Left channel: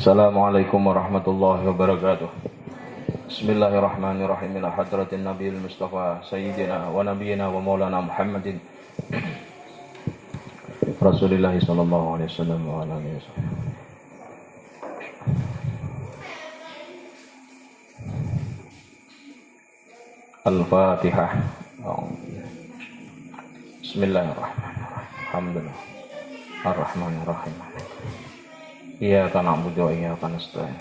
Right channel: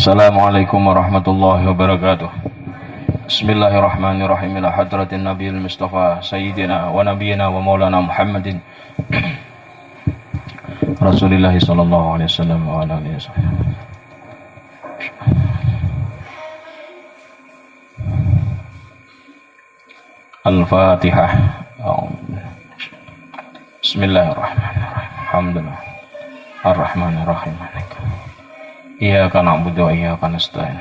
Assalamualaikum warahmatullahi wabarakatuh. Bismillahirrahmanirrahim. Ila hadratin Nabiyil Mustafa Sayyidina wa Nabiyina wa Maulana Muhammadin Rasulillah sallallahu alaihi wasallam wa ala alihi wasallam. Al-Fatihah. Bismillahirrahmanirrahim. Alhamdulillah. Ar-Rahmanirrahim. Iyyaka na'budu wa iyyaka nasta'in.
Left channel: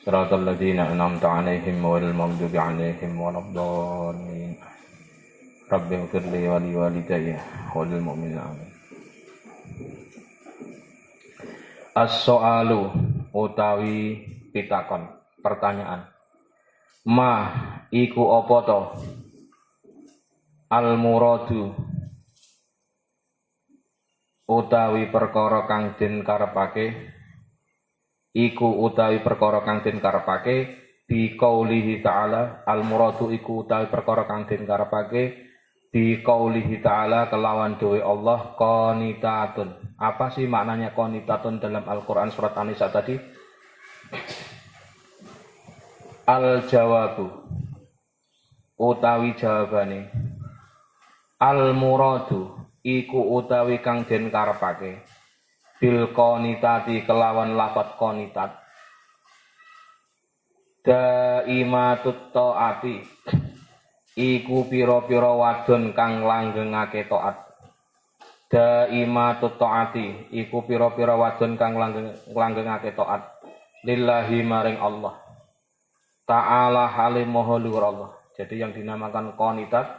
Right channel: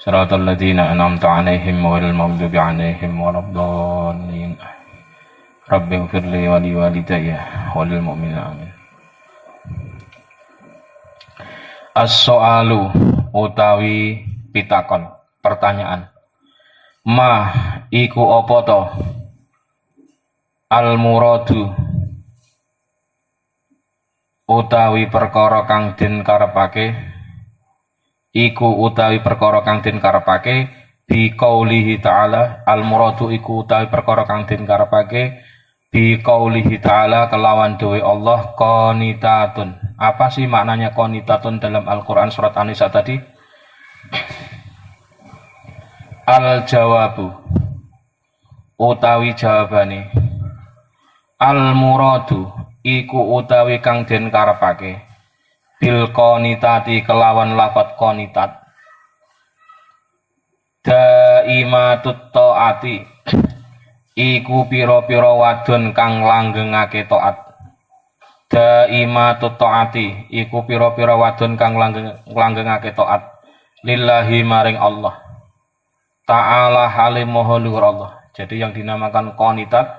Shiratal ladzina an'amta 'alaihim ghairil maghdubi 'alaihim waladdallin. Rabbighfir li wa liwalidayya wa lil mu'minina amin. As-so'alu utawi pitakon, pertanyaan. Ma iku apa to? Al-muradu utawi perkara kang den karepake iku utawi perkara kang den karepake bi qaulihi ta'ala. Al-muradu iku utawi perkara kang den karepake bi qaulihi ta'ala kelawan dewe Allah qanitatun. Apa sih maknanya qanitatun dalam Al-Qur'an surat An-Nisa tadi? Al-jawabu utawi jawabane al-muradu iku utawi kang den karepake bil qanitati kelawan lafat qanitat daimatut taati iku pira-pira wadon kang langgengake taat. Daimatut taati iku pira-pira wadon kang langgengake taat lillahi maring Allah ta'ala halim maha luhur Allah. Jadi yang dinamakan qanitat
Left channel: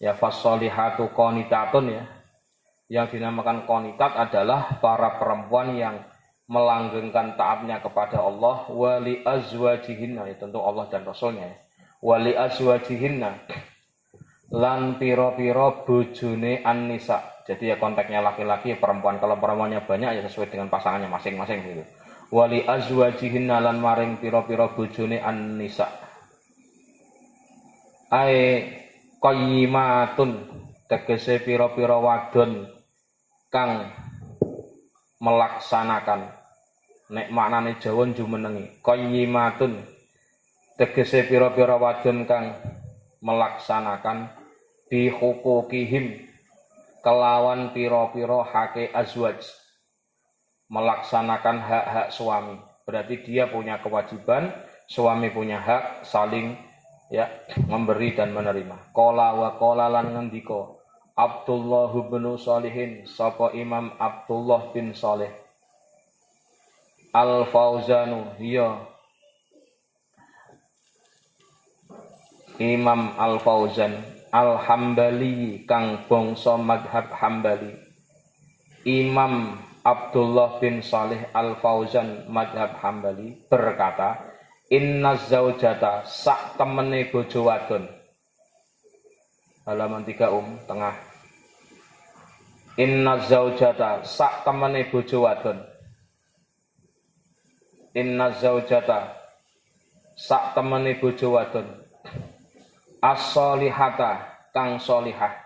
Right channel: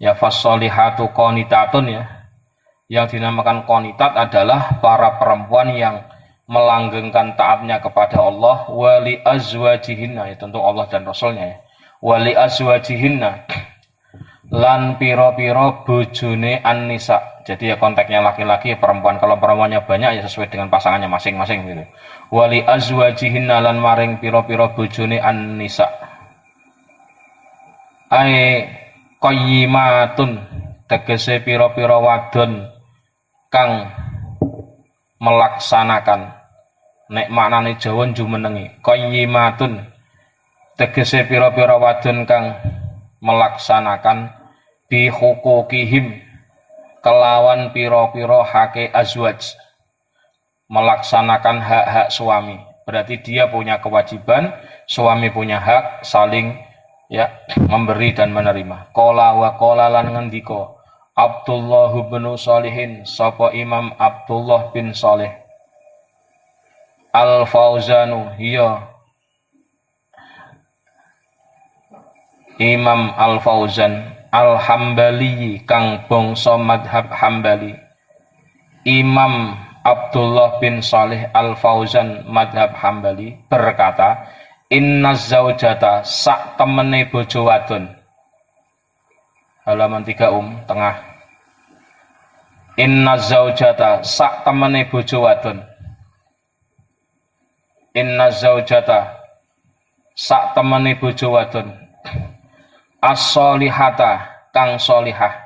ya fasolihatu qanitatun ya. Yang dinamakan qanitat adalah para perempuan yang melanggengkan taatnya kepada Allah wali azwajihinna, ya tentu Allah dan Rasulnya ya. Wali azwajihinna lan piro-piro bojone an-nisa. Jadi ya konteksnya laki-laki perempuan, kalau perempuannya banyak ya sesuai dengan pasangannya masing-masing gitu. Wali azwajihinna lan maring piro-piro bojone an-nisa. Ai qayyimatun tegese piro-piro wadon kang melaksanakan. Nek maknane Jawa jumenengi qayyimatun tegese pira-pira wadon kang melaksanakan bi hukukihim kelawan pira-pira hake azwaj, melaksanakan hak-hak suami. Berarti dia punya kewajiban, suami punya hak, saling ya memberi dan menerima. Qala wa qala lan ngendika Abdullah bin Shalihin, sapa Imam Abdullah bin Saleh Al-Fauzanu, hiya Imam Al-Fauzan Al-Hambali kang bangsa madhab Hambali. Imam Abdullah bin Saleh Al-Fauzan madhab Hambali berkata, inna zaujata sak temene bojo wadon. Halaman 3 tengah. Inna zaujata sak temene bojo wadon. Inna zaujata sak temene bojo wadon. As-solihata kang solihah.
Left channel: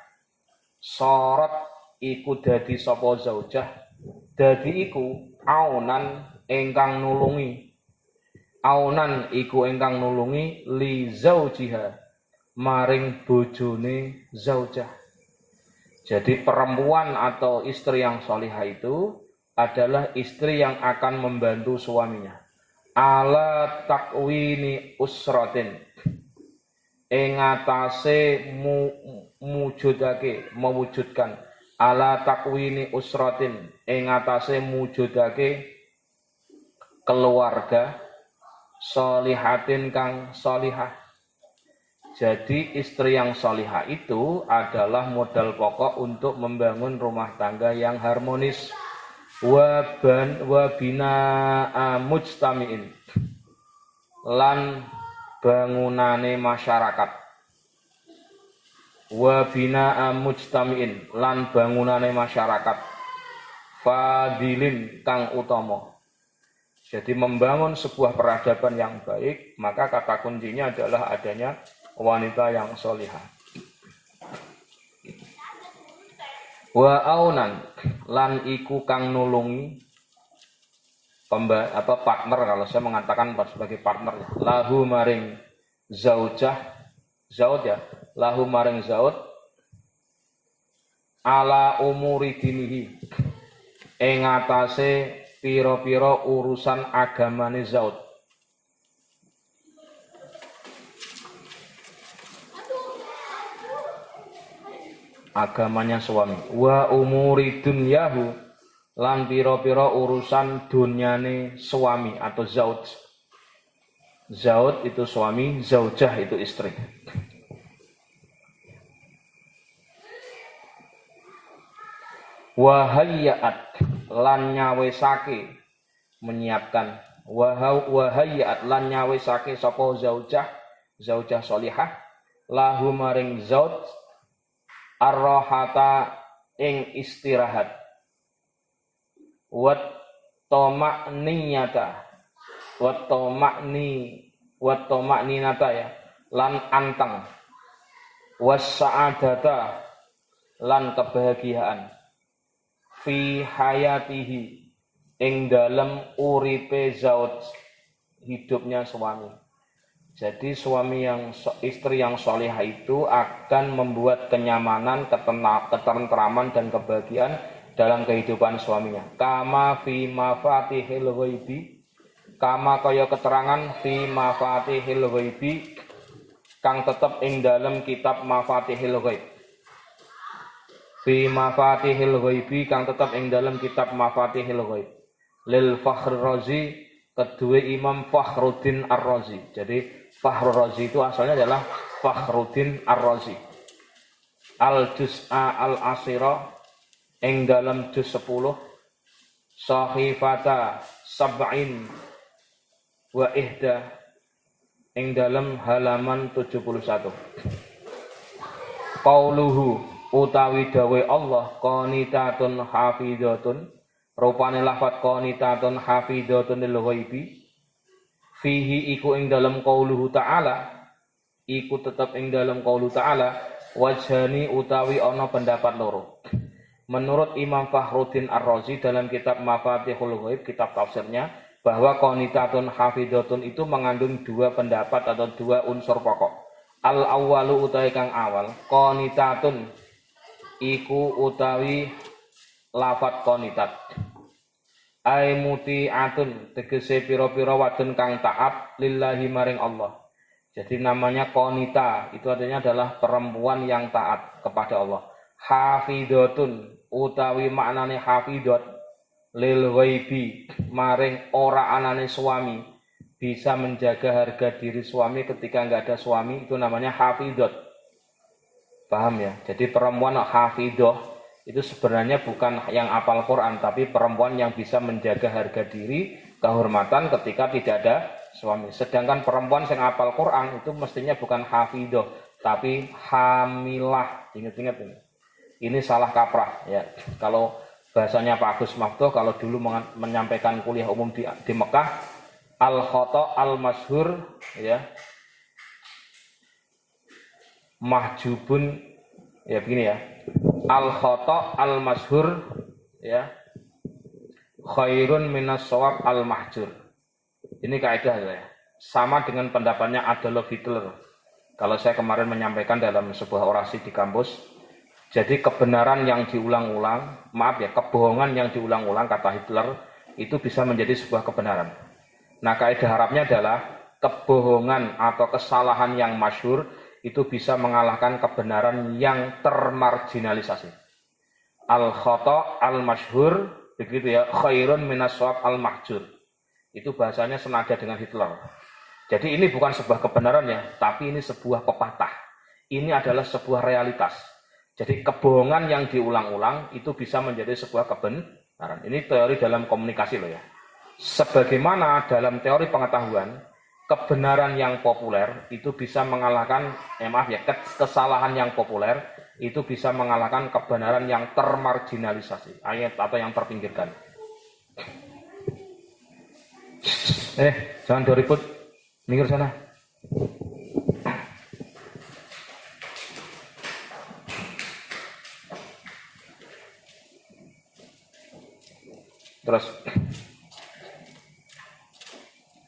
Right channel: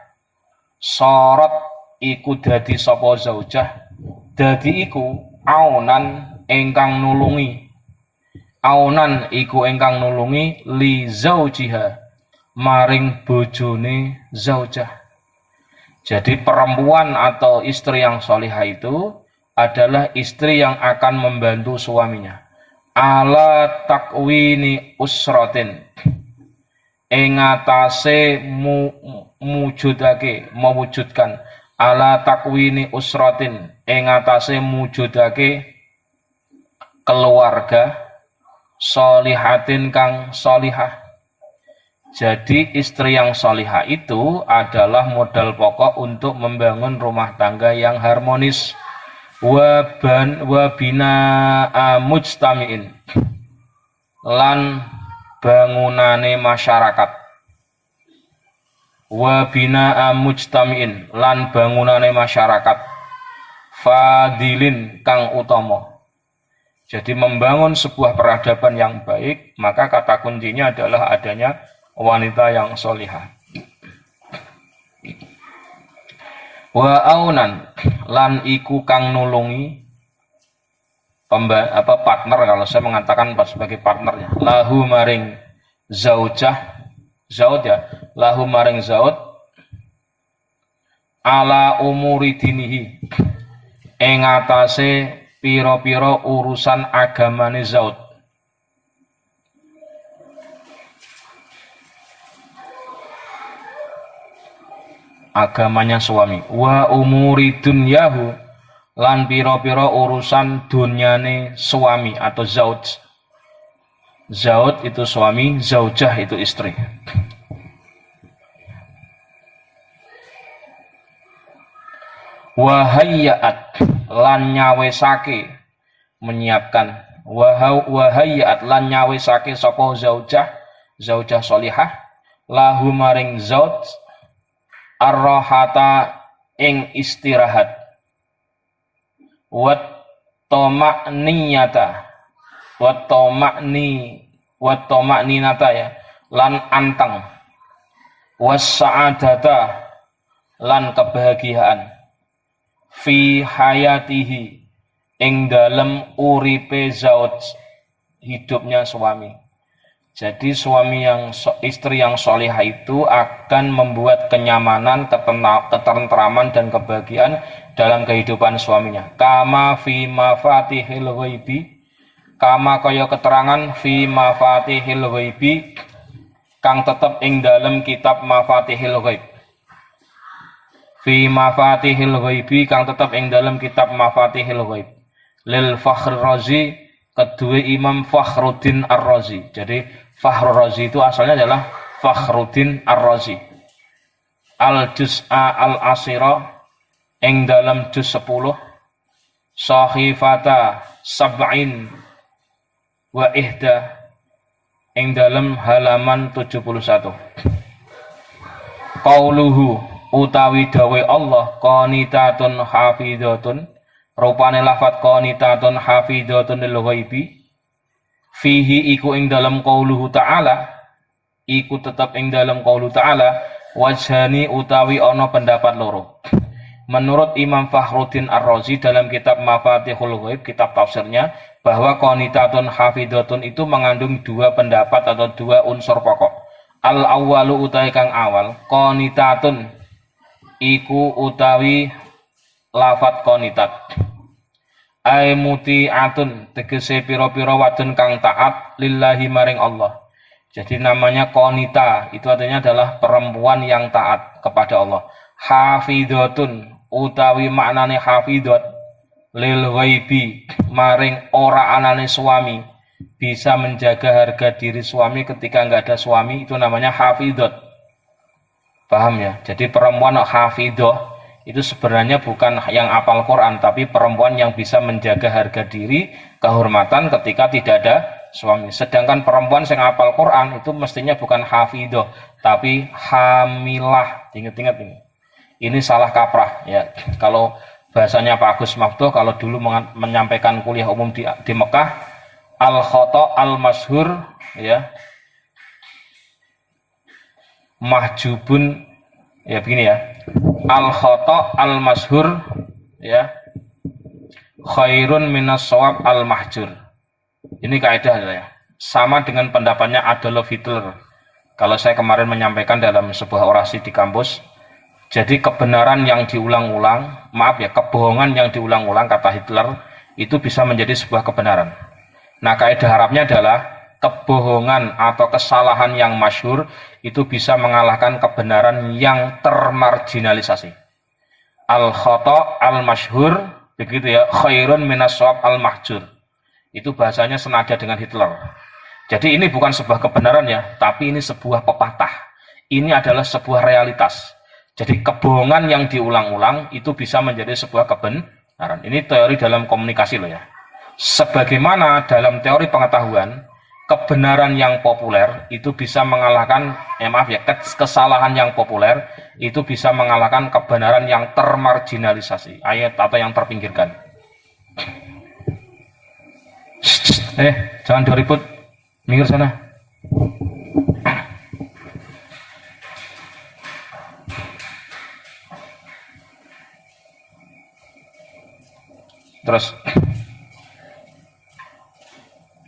Sorot iku dadi sapa zaujah. Dadi iku aunan ingkang nulungi. Aunan iku ingkang nulungi li zaujiha maring bojone zaujah. Jadi perempuan atau istri yang solihah itu adalah istri yang akan membantu suaminya ala takwini usratin ing atase mewujudkan ala takwini usratin ing atase mewujudake keluarga solihatin kang solihah. Jadi istri yang solihah itu adalah modal pokok untuk membangun rumah tangga yang harmonis. Wabina mujtamiin lan bangunane masyarakat. Wabina mujtamiin lan bangunane masyarakat. fadilin kang utama. Jadi membangun sebuah peradaban yang baik, maka kata kuncinya adalah adanya wanita yang solihah. Wa aunan lan iku kang nulungi partner, kalau saya mengatakan sebagai partnernya, lahu maring zaujah, zaud ya, lahu maring zaud ala umuri dinihi ing atase pira-pira urusan agamane zaud. Agamanya suami. Wa umuri dunyahu lan pira-pira urusan dunyane suami atau zauj. Zaud itu suami, zaujah itu istri. Wahayyat lan nyawesake menyiapkan, wahayyat lan nyawesake sapa zaujah, zaujah sholihah lahu maring zauj ar-rahata ing istirahat wat toma'niyata wat toma'ninata ya lan anteng was sa'adata lan kebahagiaan fi hayatihi ing dalem uripe zauj, hidupnya suami. Jadi istri yang sholihah itu akan membuat kenyamanan, ketentraman dan kebahagiaan dalam kehidupan suaminya. Kama fi mafatihil ghaibi, kama kaya keterangan fi mafatihil ghaibi kang tetep ing dalem kitab mafatihil ghaib. Fi mafatihil ghaibi kang tetep ing dalem kitab mafatihil ghaib. Lil Fakhr Razi, kedua Imam Fakhruddin Ar-Razi. Jadi Fakhr Razi itu asalnya adalah Fakhruddin Ar-Razi. Al-Juz'a al-Asira ing dalam juz 10 Sahifata sab'in wa ihda ing dalam halaman 71. Qauluhu utawi dawe Allah qanitatun hafidhatun, rupane lafat qanitatun hafidhatun lil ghaibi fihi iku ing dalam qauluhu ta'ala, iku tetap ing dalam qauluhu ta'ala wajhani utawi ana pendapat loro. Menurut Imam Fakhruddin Ar-Razi dalam kitab Mafatihul Ghaib, kitab tafsirnya, bahwa qanitatun hafidhatun itu mengandung dua pendapat atau dua unsur pokok. Al-awwalu utawi kang awal, qanitatun iku utawi lafat qanitat. Ai muti'atun tegese pira-pira wadon kang taat lillahi maring Allah. Jadi namanya qanita itu artinya adalah perempuan yang taat kepada Allah. Hafidhatun utawi maknane hafidhat lil ghaibi maring ora anane suami, bisa menjaga harga diri suami ketika enggak ada suami, itu namanya hafidhat. Paham ya? Jadi perempuan hafidhah itu sebenarnya bukan yang hafal Quran, tapi perempuan yang bisa menjaga harga diri, kehormatan ketika tidak ada suami. Sedangkan perempuan yang hafal Quran itu mestinya bukan hafidhah, tapi hamilah. Ingat-ingat ini. Ini salah kaprah ya. Kalau bahasanya Pak Agus Maftuh kalau dulu menyampaikan kuliah umum di Mekah, al-khata al-masyhur ya. Mahjubun ya begini ya. Al-khata al-masyhur ya khairun minas shawab al-mahjur. Ini kaidah ya. Sama dengan pendapatnya Adolf Hitler. Kalau saya kemarin menyampaikan dalam sebuah orasi di kampus, jadi kebenaran yang diulang-ulang, kebohongan yang diulang-ulang kata Hitler itu bisa menjadi sebuah kebenaran. Nah, kaidah Arabnya adalah kebohongan atau kesalahan yang masyhur itu bisa mengalahkan kebenaran yang termarginalisasi. Al-khata al-masyhur, begitu ya, khairun minas shawab al-mahjur. Itu bahasanya senada dengan Hitler. Jadi ini bukan sebuah kebenaran ya, tapi ini sebuah pepatah. Ini adalah sebuah realitas. Jadi kebohongan yang diulang-ulang itu bisa menjadi sebuah kebenaran. Ini teori dalam komunikasi loh ya. Sebagaimana dalam teori pengetahuan, kebenaran yang populer itu bisa mengalahkan kesalahan yang populer itu bisa mengalahkan kebenaran yang termarginalisasi, ayat atau yang terpinggirkan. Jangan doribut, minggir sana. Terus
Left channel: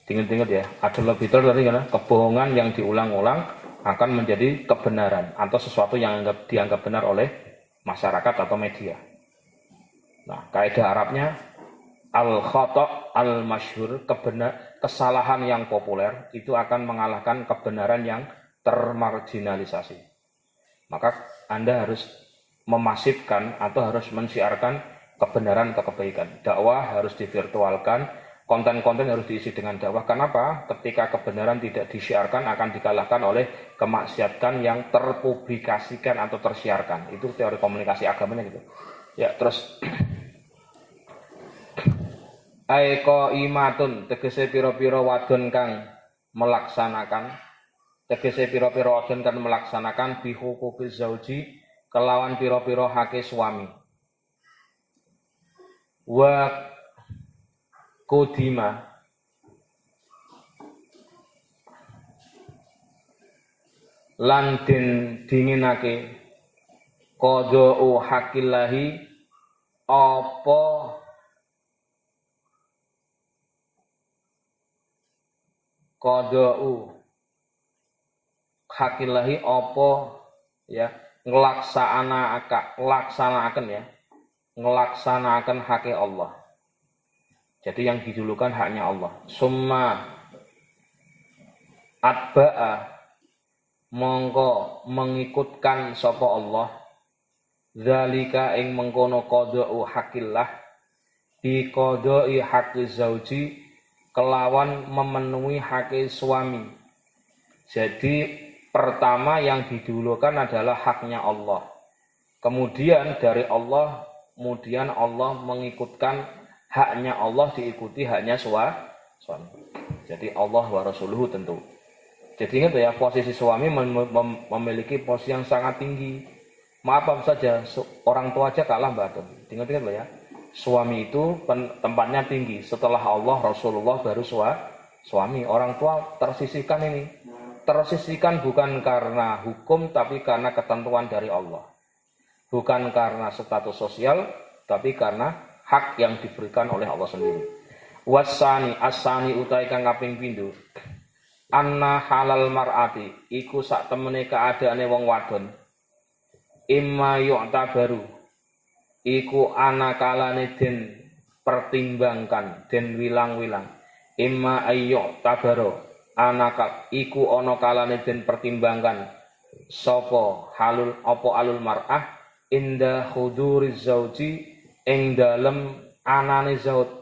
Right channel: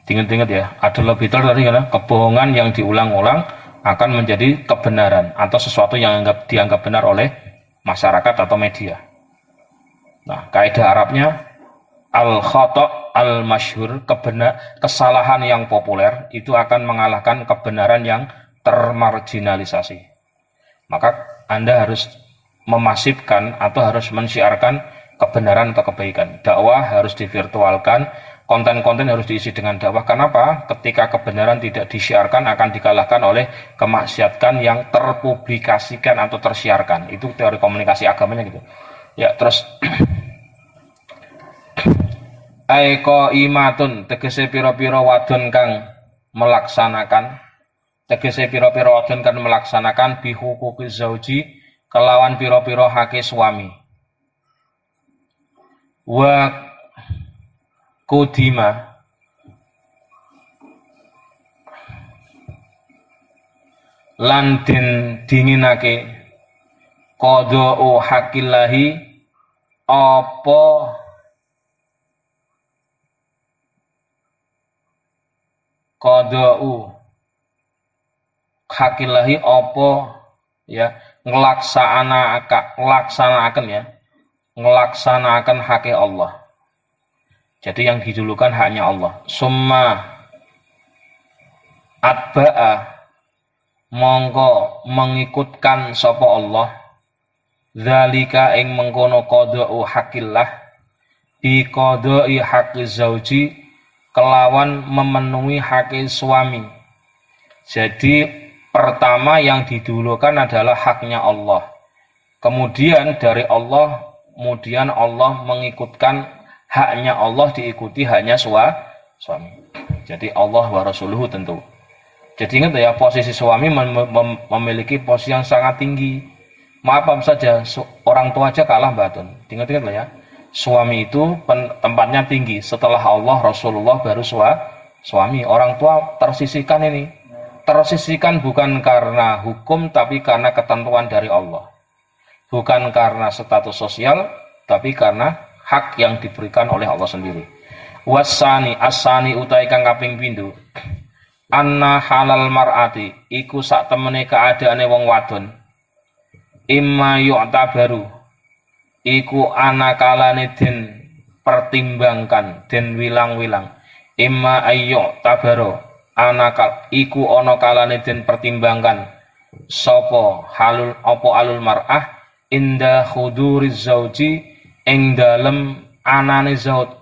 ingat-ingat ya, ada lebih tadi kan, kebohongan yang diulang-ulang akan menjadi kebenaran atau sesuatu yang dianggap benar oleh masyarakat atau media. Nah, kaidah Arabnya al-khata' al-masyhur, kesalahan yang populer itu akan mengalahkan kebenaran yang termarginalisasi. Maka Anda harus memasifkan atau harus mensyiarkan kebenaran atau kebaikan. Dakwah harus divirtualkan, konten-konten harus diisi dengan dakwah. Kenapa? Ketika kebenaran tidak disiarkan akan dikalahkan oleh kemaksiatan yang terpublikasikan atau tersiarkan. Itu teori komunikasi agamanya gitu. Ya, terus aiko imatun tegese pira-pira wadon kang melaksanakan, tegese pira-pira wadon kang melaksanakan bihuquqi zauji kelawan pira-pira hake suami. Wa kudima lan den dinginake qada'u haqillahi apa qada'u haqillahi apa ya ngelaksanakan hak Allah. Jadi yang didulukan haknya Allah. Summa atba'a mongko mengikutkan sapa Allah zalika ing mengkono qada'u haqqillah bi qada'i haqqi zauji kelawan memenuhi hak suami. Jadi pertama yang didulukan adalah haknya Allah. Kemudian dari Allah, kemudian Allah mengikutkan haknya Allah diikuti haknya suami. Jadi Allah wa rasuluhu tentu. Jadi ingat ya, posisi suami memiliki posisi yang sangat tinggi. Maaf saja, orang tua aja kalah batun. Ingat-ingat lah ya. Suami itu tempatnya tinggi. Setelah Allah, Rasulullah baru suami. Orang tua tersisihkan ini. Tersisihkan bukan karena hukum, tapi karena ketentuan dari Allah. Bukan karena status sosial, tapi karena hak yang diberikan oleh Allah sendiri. Wasani asani utai kang kaping pindho. Anna halal mar'ati iku sak temene keadaane wong wadon. Imma yu'tabaru iku ana kalane den pertimbangkan, den wilang-wilang. Imma ayyu tabaro ana iku ana kalane den pertimbangkan sapa halul apa alul mar'ah inda khuduriz zauji ing dalem anane zauj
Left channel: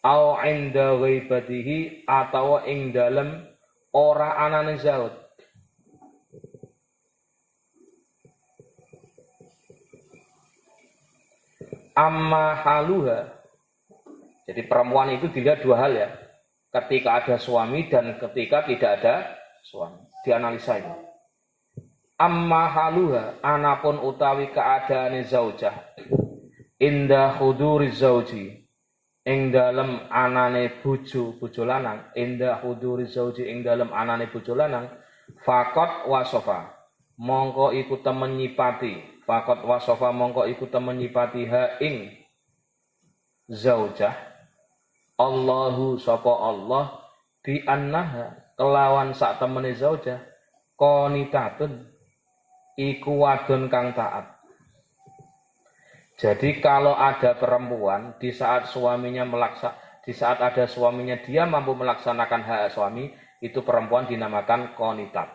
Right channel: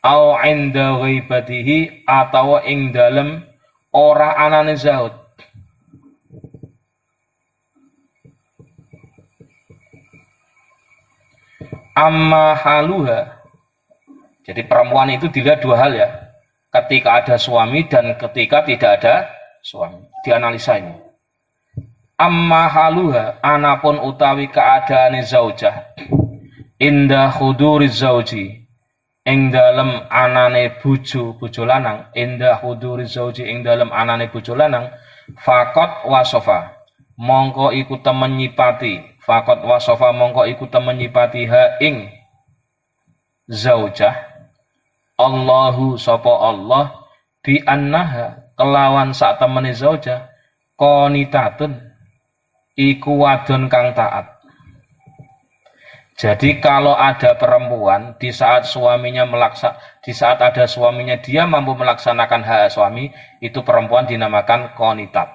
au inda ghaibatihi atawa ing dalem ora anane zauj. Amma haluha, jadi perempuan itu dilihat dua hal ya, ketika ada suami dan ketika tidak ada suami, dianalisa ini. Amma haluha, anapun utawi keadaane zaujah inda khuduri zauji ing dalem anane bojo lanang, inda khuduri zauji ing dalem anane bojo lanang, faqat wasofa mongko iku temen nyipati, faqat wasofa mongko iku temen nyipati ha ing zaujah Allahu sapa Allah bi annaha kelawan sak temene zaujah qanitatun iku wadon kang taat. Jadi kalau ada perempuan di saat ada suaminya dia mampu melaksanakan hak suami, itu perempuan dinamakan qanitat.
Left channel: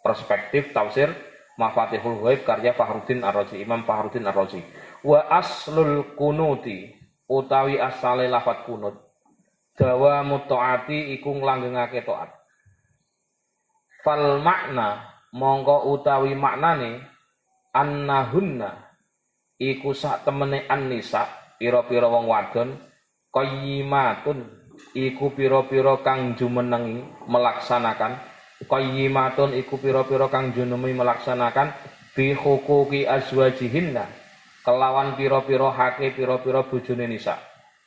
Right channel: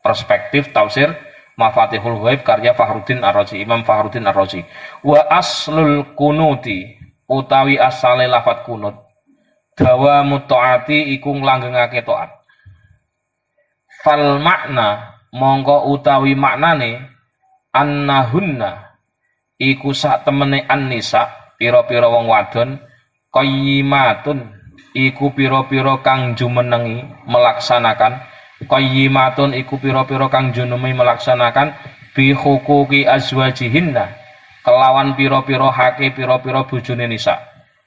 Perspektif tafsir Mafatihul Ghaib karya Fakhruddin Ar-Razi, Imam Fakhruddin Ar-Razi. Wa aslul kunuti utawi asale lafat kunut dawa mutaati iku nglanggengake taat. Fal makna mongko utawi maknane annahunna iku sak temene an-nisa pira-pira wong wadon qayyimatun iku pira-pira kang jumenengi melaksanakan qayyimatun iku pira-pira kang junumi melaksanakan bi huquqi azwajihinna kelawan pira-pira hake pira-pira bojone nisa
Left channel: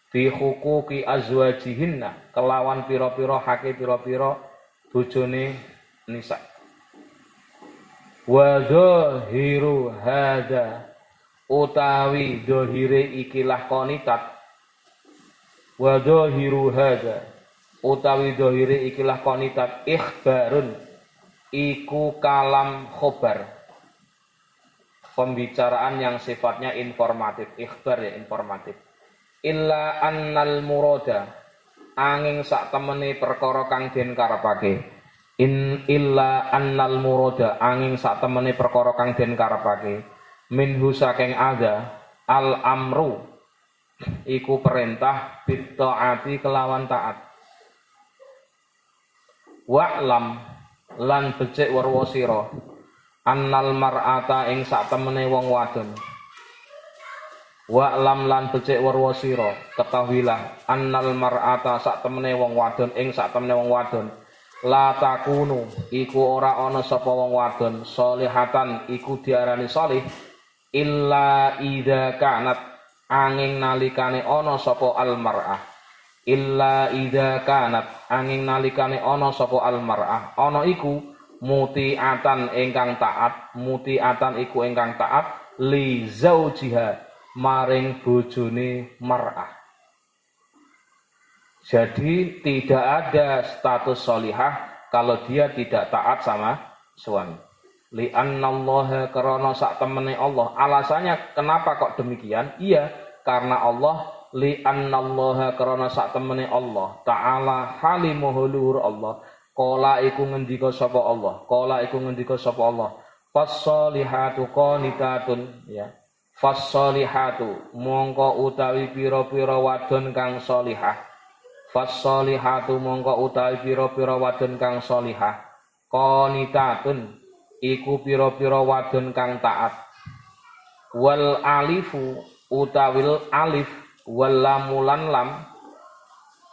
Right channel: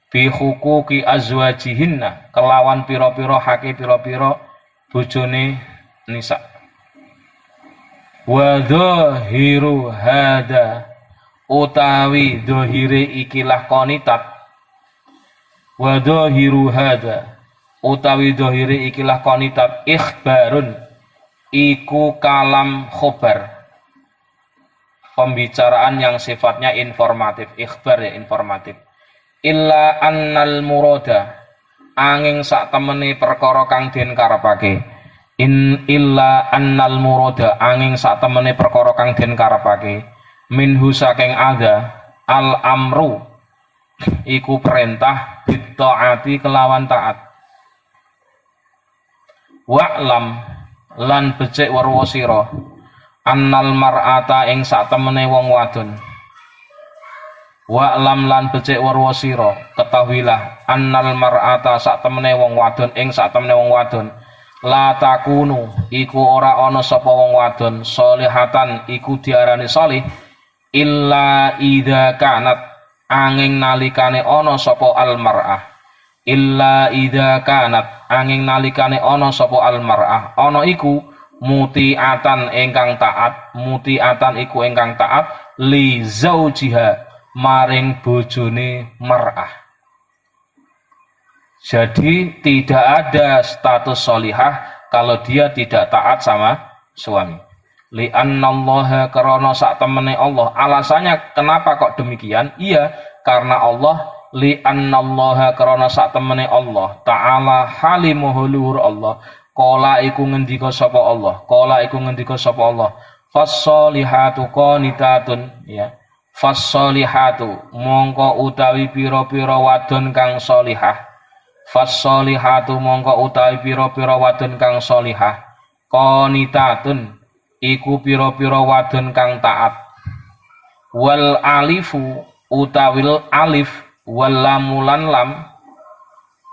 bi huquqi azwajihinna kelawan pira-pira hake pira-pira bojone nisa wa dhahiru hada utawi dhahire ikilah qanitat wa dhahiru hada utawi dhahire ikilah qanitat ikhbarun iku kalam khobar pembicaraan yang sifatnya informatif ikhbar ya informatif illa annal murada angin sak temene perkara kang den karepake illa annal murada angin sak temene perkara kang den karepake minhu saking ada al amru iku perintah bittaati kelawan taat wa'lam lan becik weruh sira annal mar'ata ing sak temene wong wadon wa'lam lan becik weruh sira ketahuilah annal mar'ata sak temene wong wadon ing sak temene wong wadon la takunu iku ora ana sapa wong wadon solihatan iku diarani salih illa idza kanat angin nalikane ana sapa al mar'ah illa idza kanat angin nalikane ana sapa al mar'ah ana iku mutiatan ingkang taat mutiatan iku ingkang taat li zaujiha maring bojone mar'ah. Jadi tidak ada status solihah kalau dia tidak taat sama suami. Li'annallaha karena sak temene Allah. Alasannya kenapa kok demikian? Iya, karena Allah li'annallaha karena sak temene Allah ta'ala halimuhu luhur Allah. Qala iku ngendika sapa Allah. Qala iku ngendika sapa Allah. Fas-solihatu qanitatun ya. Fas-solihatu mongko utawi pira-pira wadon kang solihah. Fas-solihatu mongko utawi pira-pira wadon kang solihah. Qanitatun iku pira-pira wadon kang taat wal alifu utawil alif wal lamulan lam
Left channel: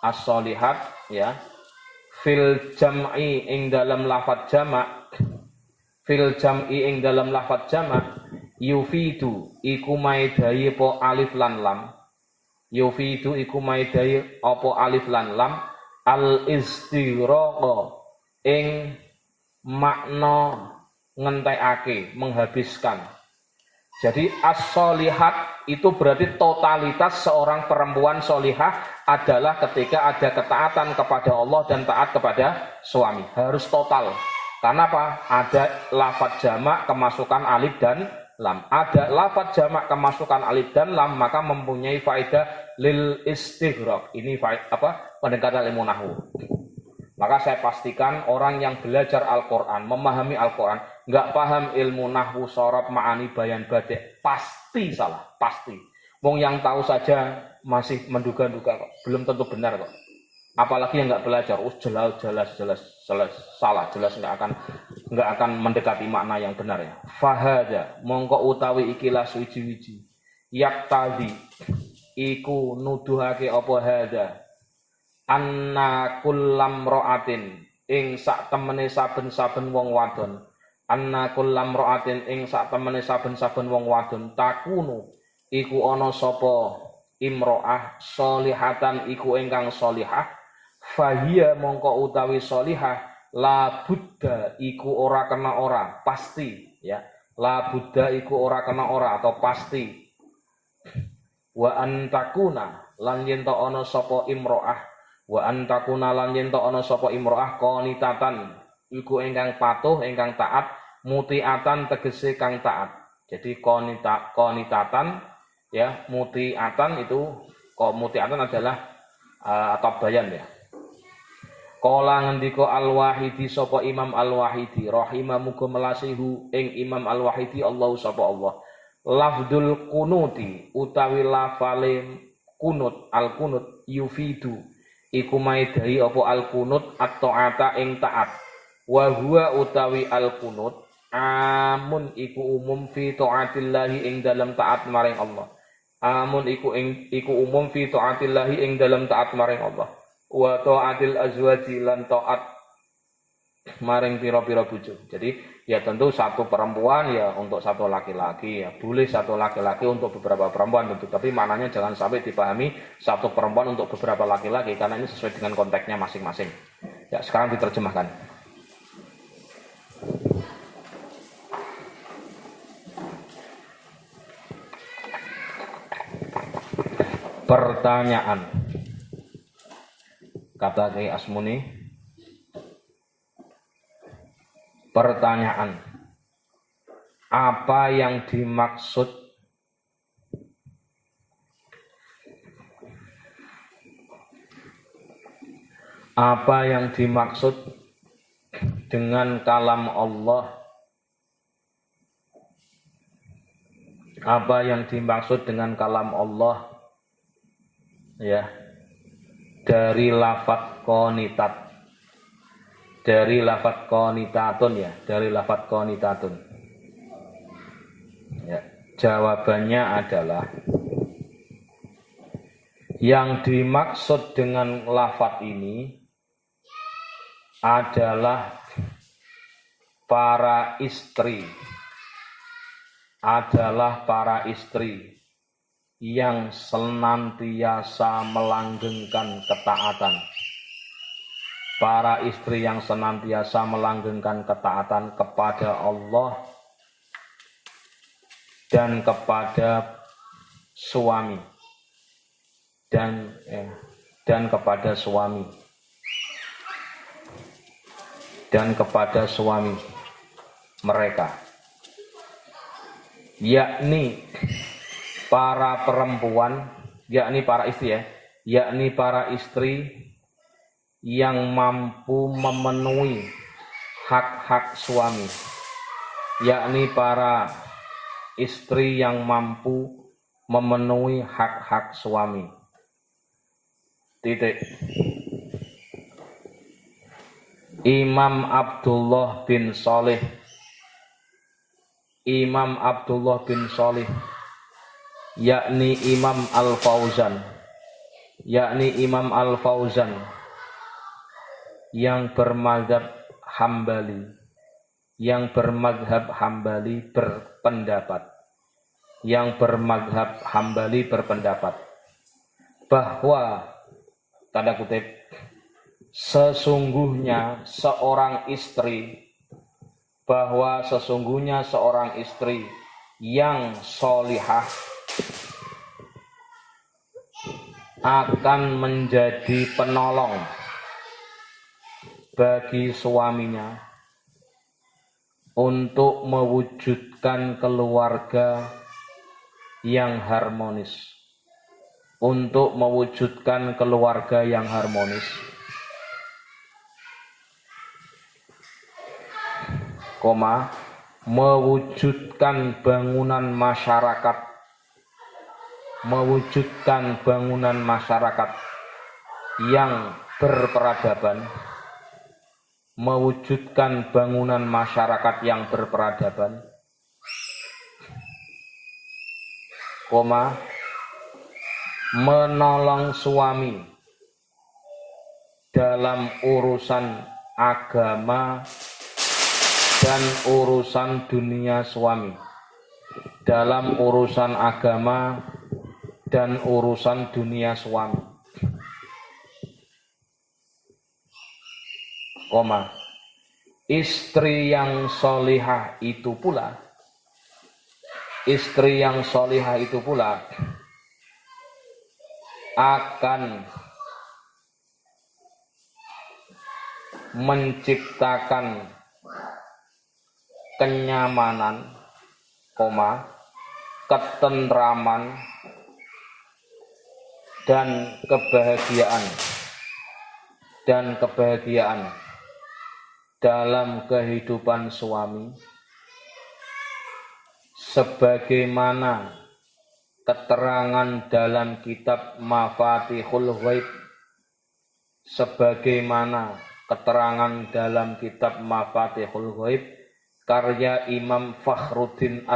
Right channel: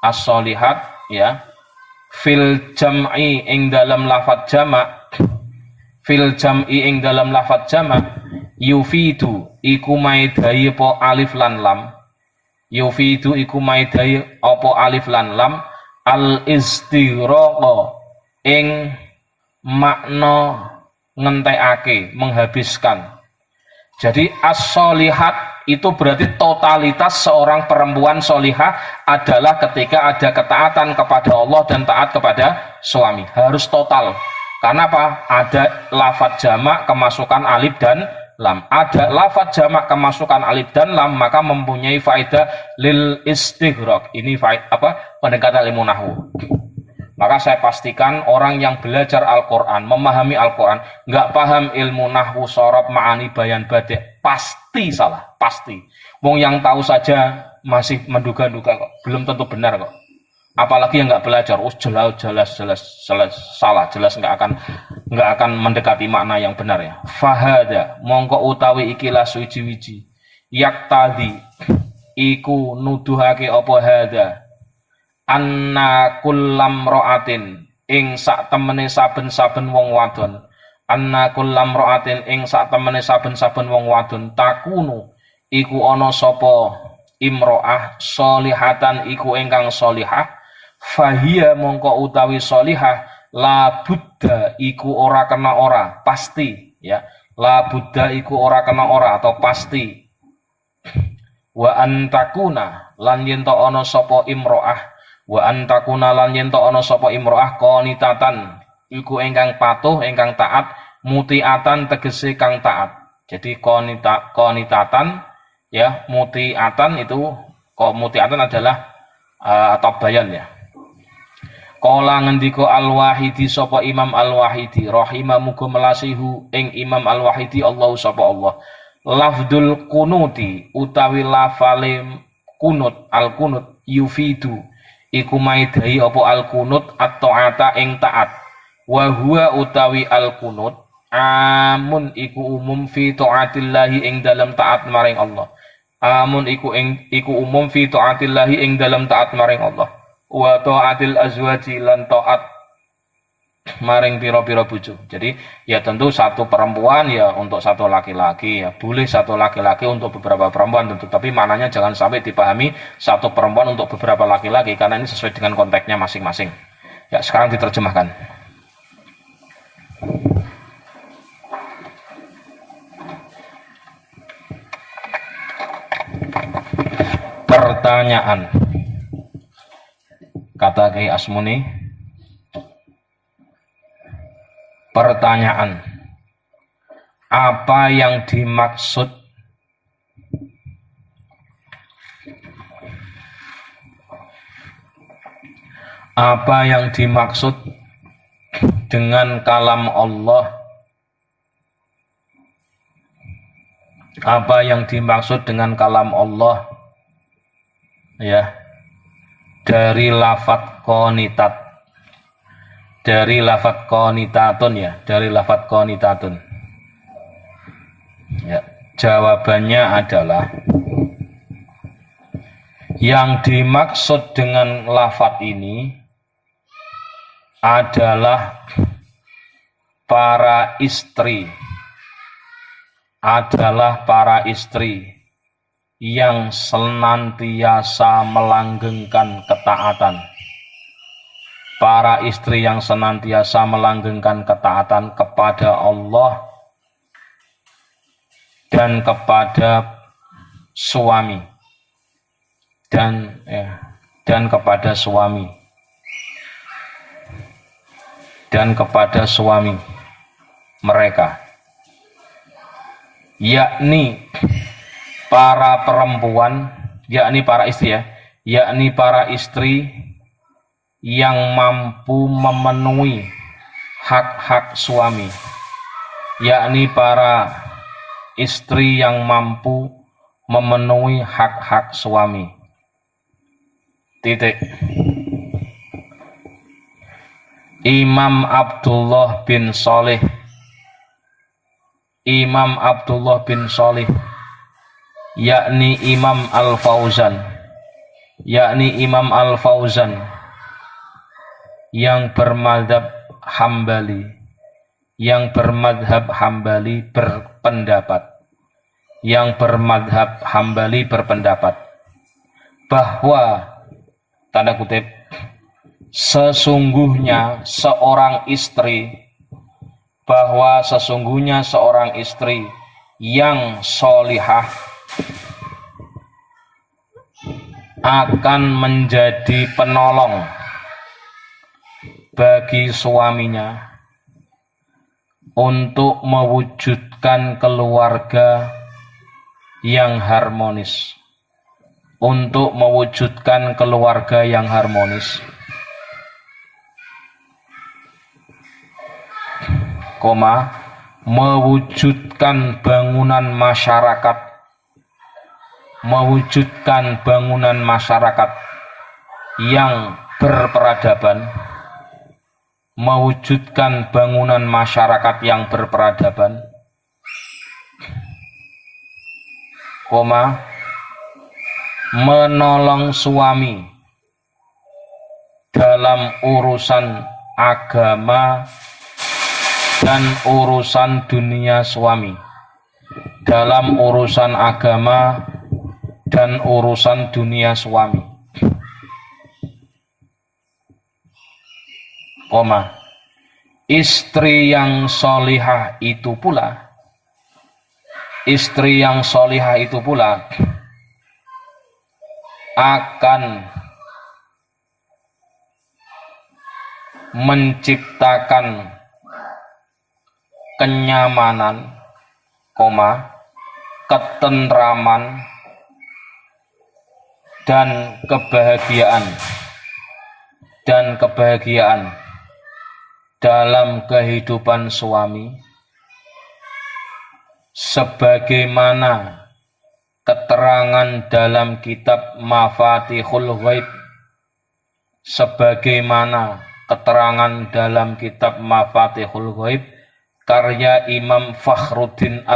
as-solihat ya fil jam'i ing dalam lafadz jamak fil jam'i ing dalam lafadz jamak yufidu iku maidai po alif lan lam yufidu iku maidai apa alif lan lam al istighraq ing makna ngentekake, menghabiskan. Jadi as-solihat itu berarti totalitas seorang perempuan solihah adalah ketika ada ketaatan kepada Allah dan taat kepada suami. Harus total. Karena apa? Ada lafadz jamak kemasukan alif dan lam. Ada lafadz jamak kemasukan alif dan lam maka mempunyai faedah lil istighraq. Ini faedah pendekatan ilmu nahwu. Maka saya pastikan orang yang belajar Al-Quran, memahami Al-Quran, nggak paham ilmu nahwu, sorob, ma'ani, bayan, badi', pasti salah, pasti. Wong yang tahu saja masih menduga-duga kok, belum tentu benar kok. Apalagi yang nggak belajar, jelas salah, jelas nggak akan mendekati makna yang benar ya. Fahada, mongko utawi ikilah suci-wiji, yak tadi, iku nuduhake apa hada. Anna kullam ro'atin ing sak temene saben-saben wong wadon anna kullam ro'atin ing sak temene saben-saben wong wadon takunu iku ana sapa imro'ah solihatan iku ingkang solihah fahia mongko utawi solihah la buddha iku ora kena ora pasti ya la buddha iku ora kena ora atau pasti wa antakuna lan yen to ana sapa imro'ah wa antakuna lan yen to ana sapa imro'ah qanitatan iku ingkang patuh ingkang taat mutiatan tegese kang taat. Jadi qanitatan ya mutiatan itu mutiatan adalah atau bayan ya. Qala ngendika Al-Wahidi sapa Imam Al-Wahidi rahimah muga melasihu ing Imam Al-Wahidi Allah sapa Allah. Lafdul kunuti utawi lafale kunut al-kunut yufidu iku maidai apa al-kunut at-ta'ata ing taat wa huwa utawi al-kunut amun iku umum fi ta'atillahi ing dalam taat maring Allah amun iku umum fi ta'atillahi ing dalam taat maring Allah wa ta'atil azwaji lan ta'at maring pira-pira bojo. Jadi ya tentu satu perempuan ya untuk satu laki-laki ya. Boleh satu laki-laki untuk beberapa perempuan tentu, tapi maknanya jangan sampai dipahami satu perempuan untuk beberapa laki-laki karena ini sesuai dengan konteksnya masing-masing. Ya, sekarang diterjemahkan. Pertanyaan. Kata Kiai Asmuni, pertanyaan. Apa yang dimaksud dengan kalam Allah? Apa yang dimaksud dengan kalam Allah? Ya, dari lafadz qonitat, dari lafadz qonitatun ya, dari lafadz qonitatun. Ya, jawabannya adalah yang dimaksud dengan lafadz ini adalah para istri, yang senantiasa melanggengkan ketaatan. Para istri yang senantiasa melanggengkan ketaatan kepada Allah dan kepada suami dan kepada suami mereka, yakni para perempuan, yakni para istri ya, yakni para istri yang mampu memenuhi hak-hak suami, yakni para istri yang mampu memenuhi hak-hak suami. Titik. Imam Abdullah bin Shalih yakni Imam Al-Fauzan yang bermadhab Hambali berpendapat bahwa tanda kutip sesungguhnya seorang istri yang solihah akan menjadi penolong bagi suaminya untuk mewujudkan keluarga yang harmonis, mewujudkan bangunan masyarakat yang berperadaban, menolong suami dalam urusan agama dan urusan dunia suami, istri yang solihah itu pula akan menciptakan kenyamanan, ketentraman dan kebahagiaan dalam kehidupan suami, sebagaimana keterangan dalam kitab Mafatihul Ghaib, karya Imam Fakhruddin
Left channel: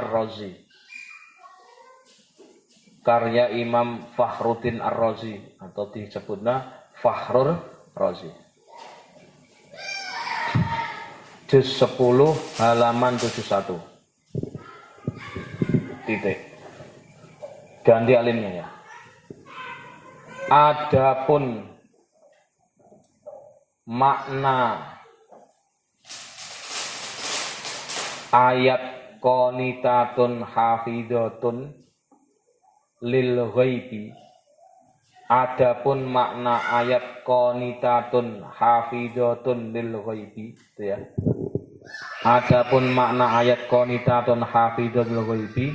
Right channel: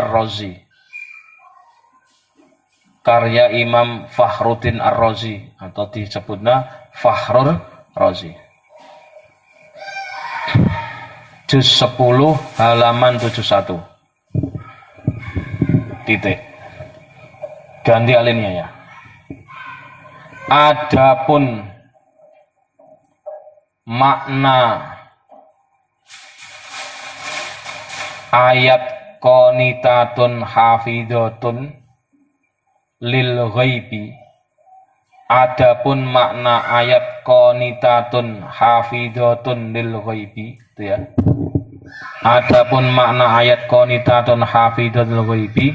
Ar-Razi atau disebutnya Fakhrur Razi. juz 10 halaman 71. Titik. Ganti alinnya ya. Adapun makna ayat qanitatun hafidhatun lil ghaibi. Adapun makna ayat qanitatun hafidhatun lil ghaibi itu ya. Adapun makna ayat qanitatun hafidhatun lil ghaibi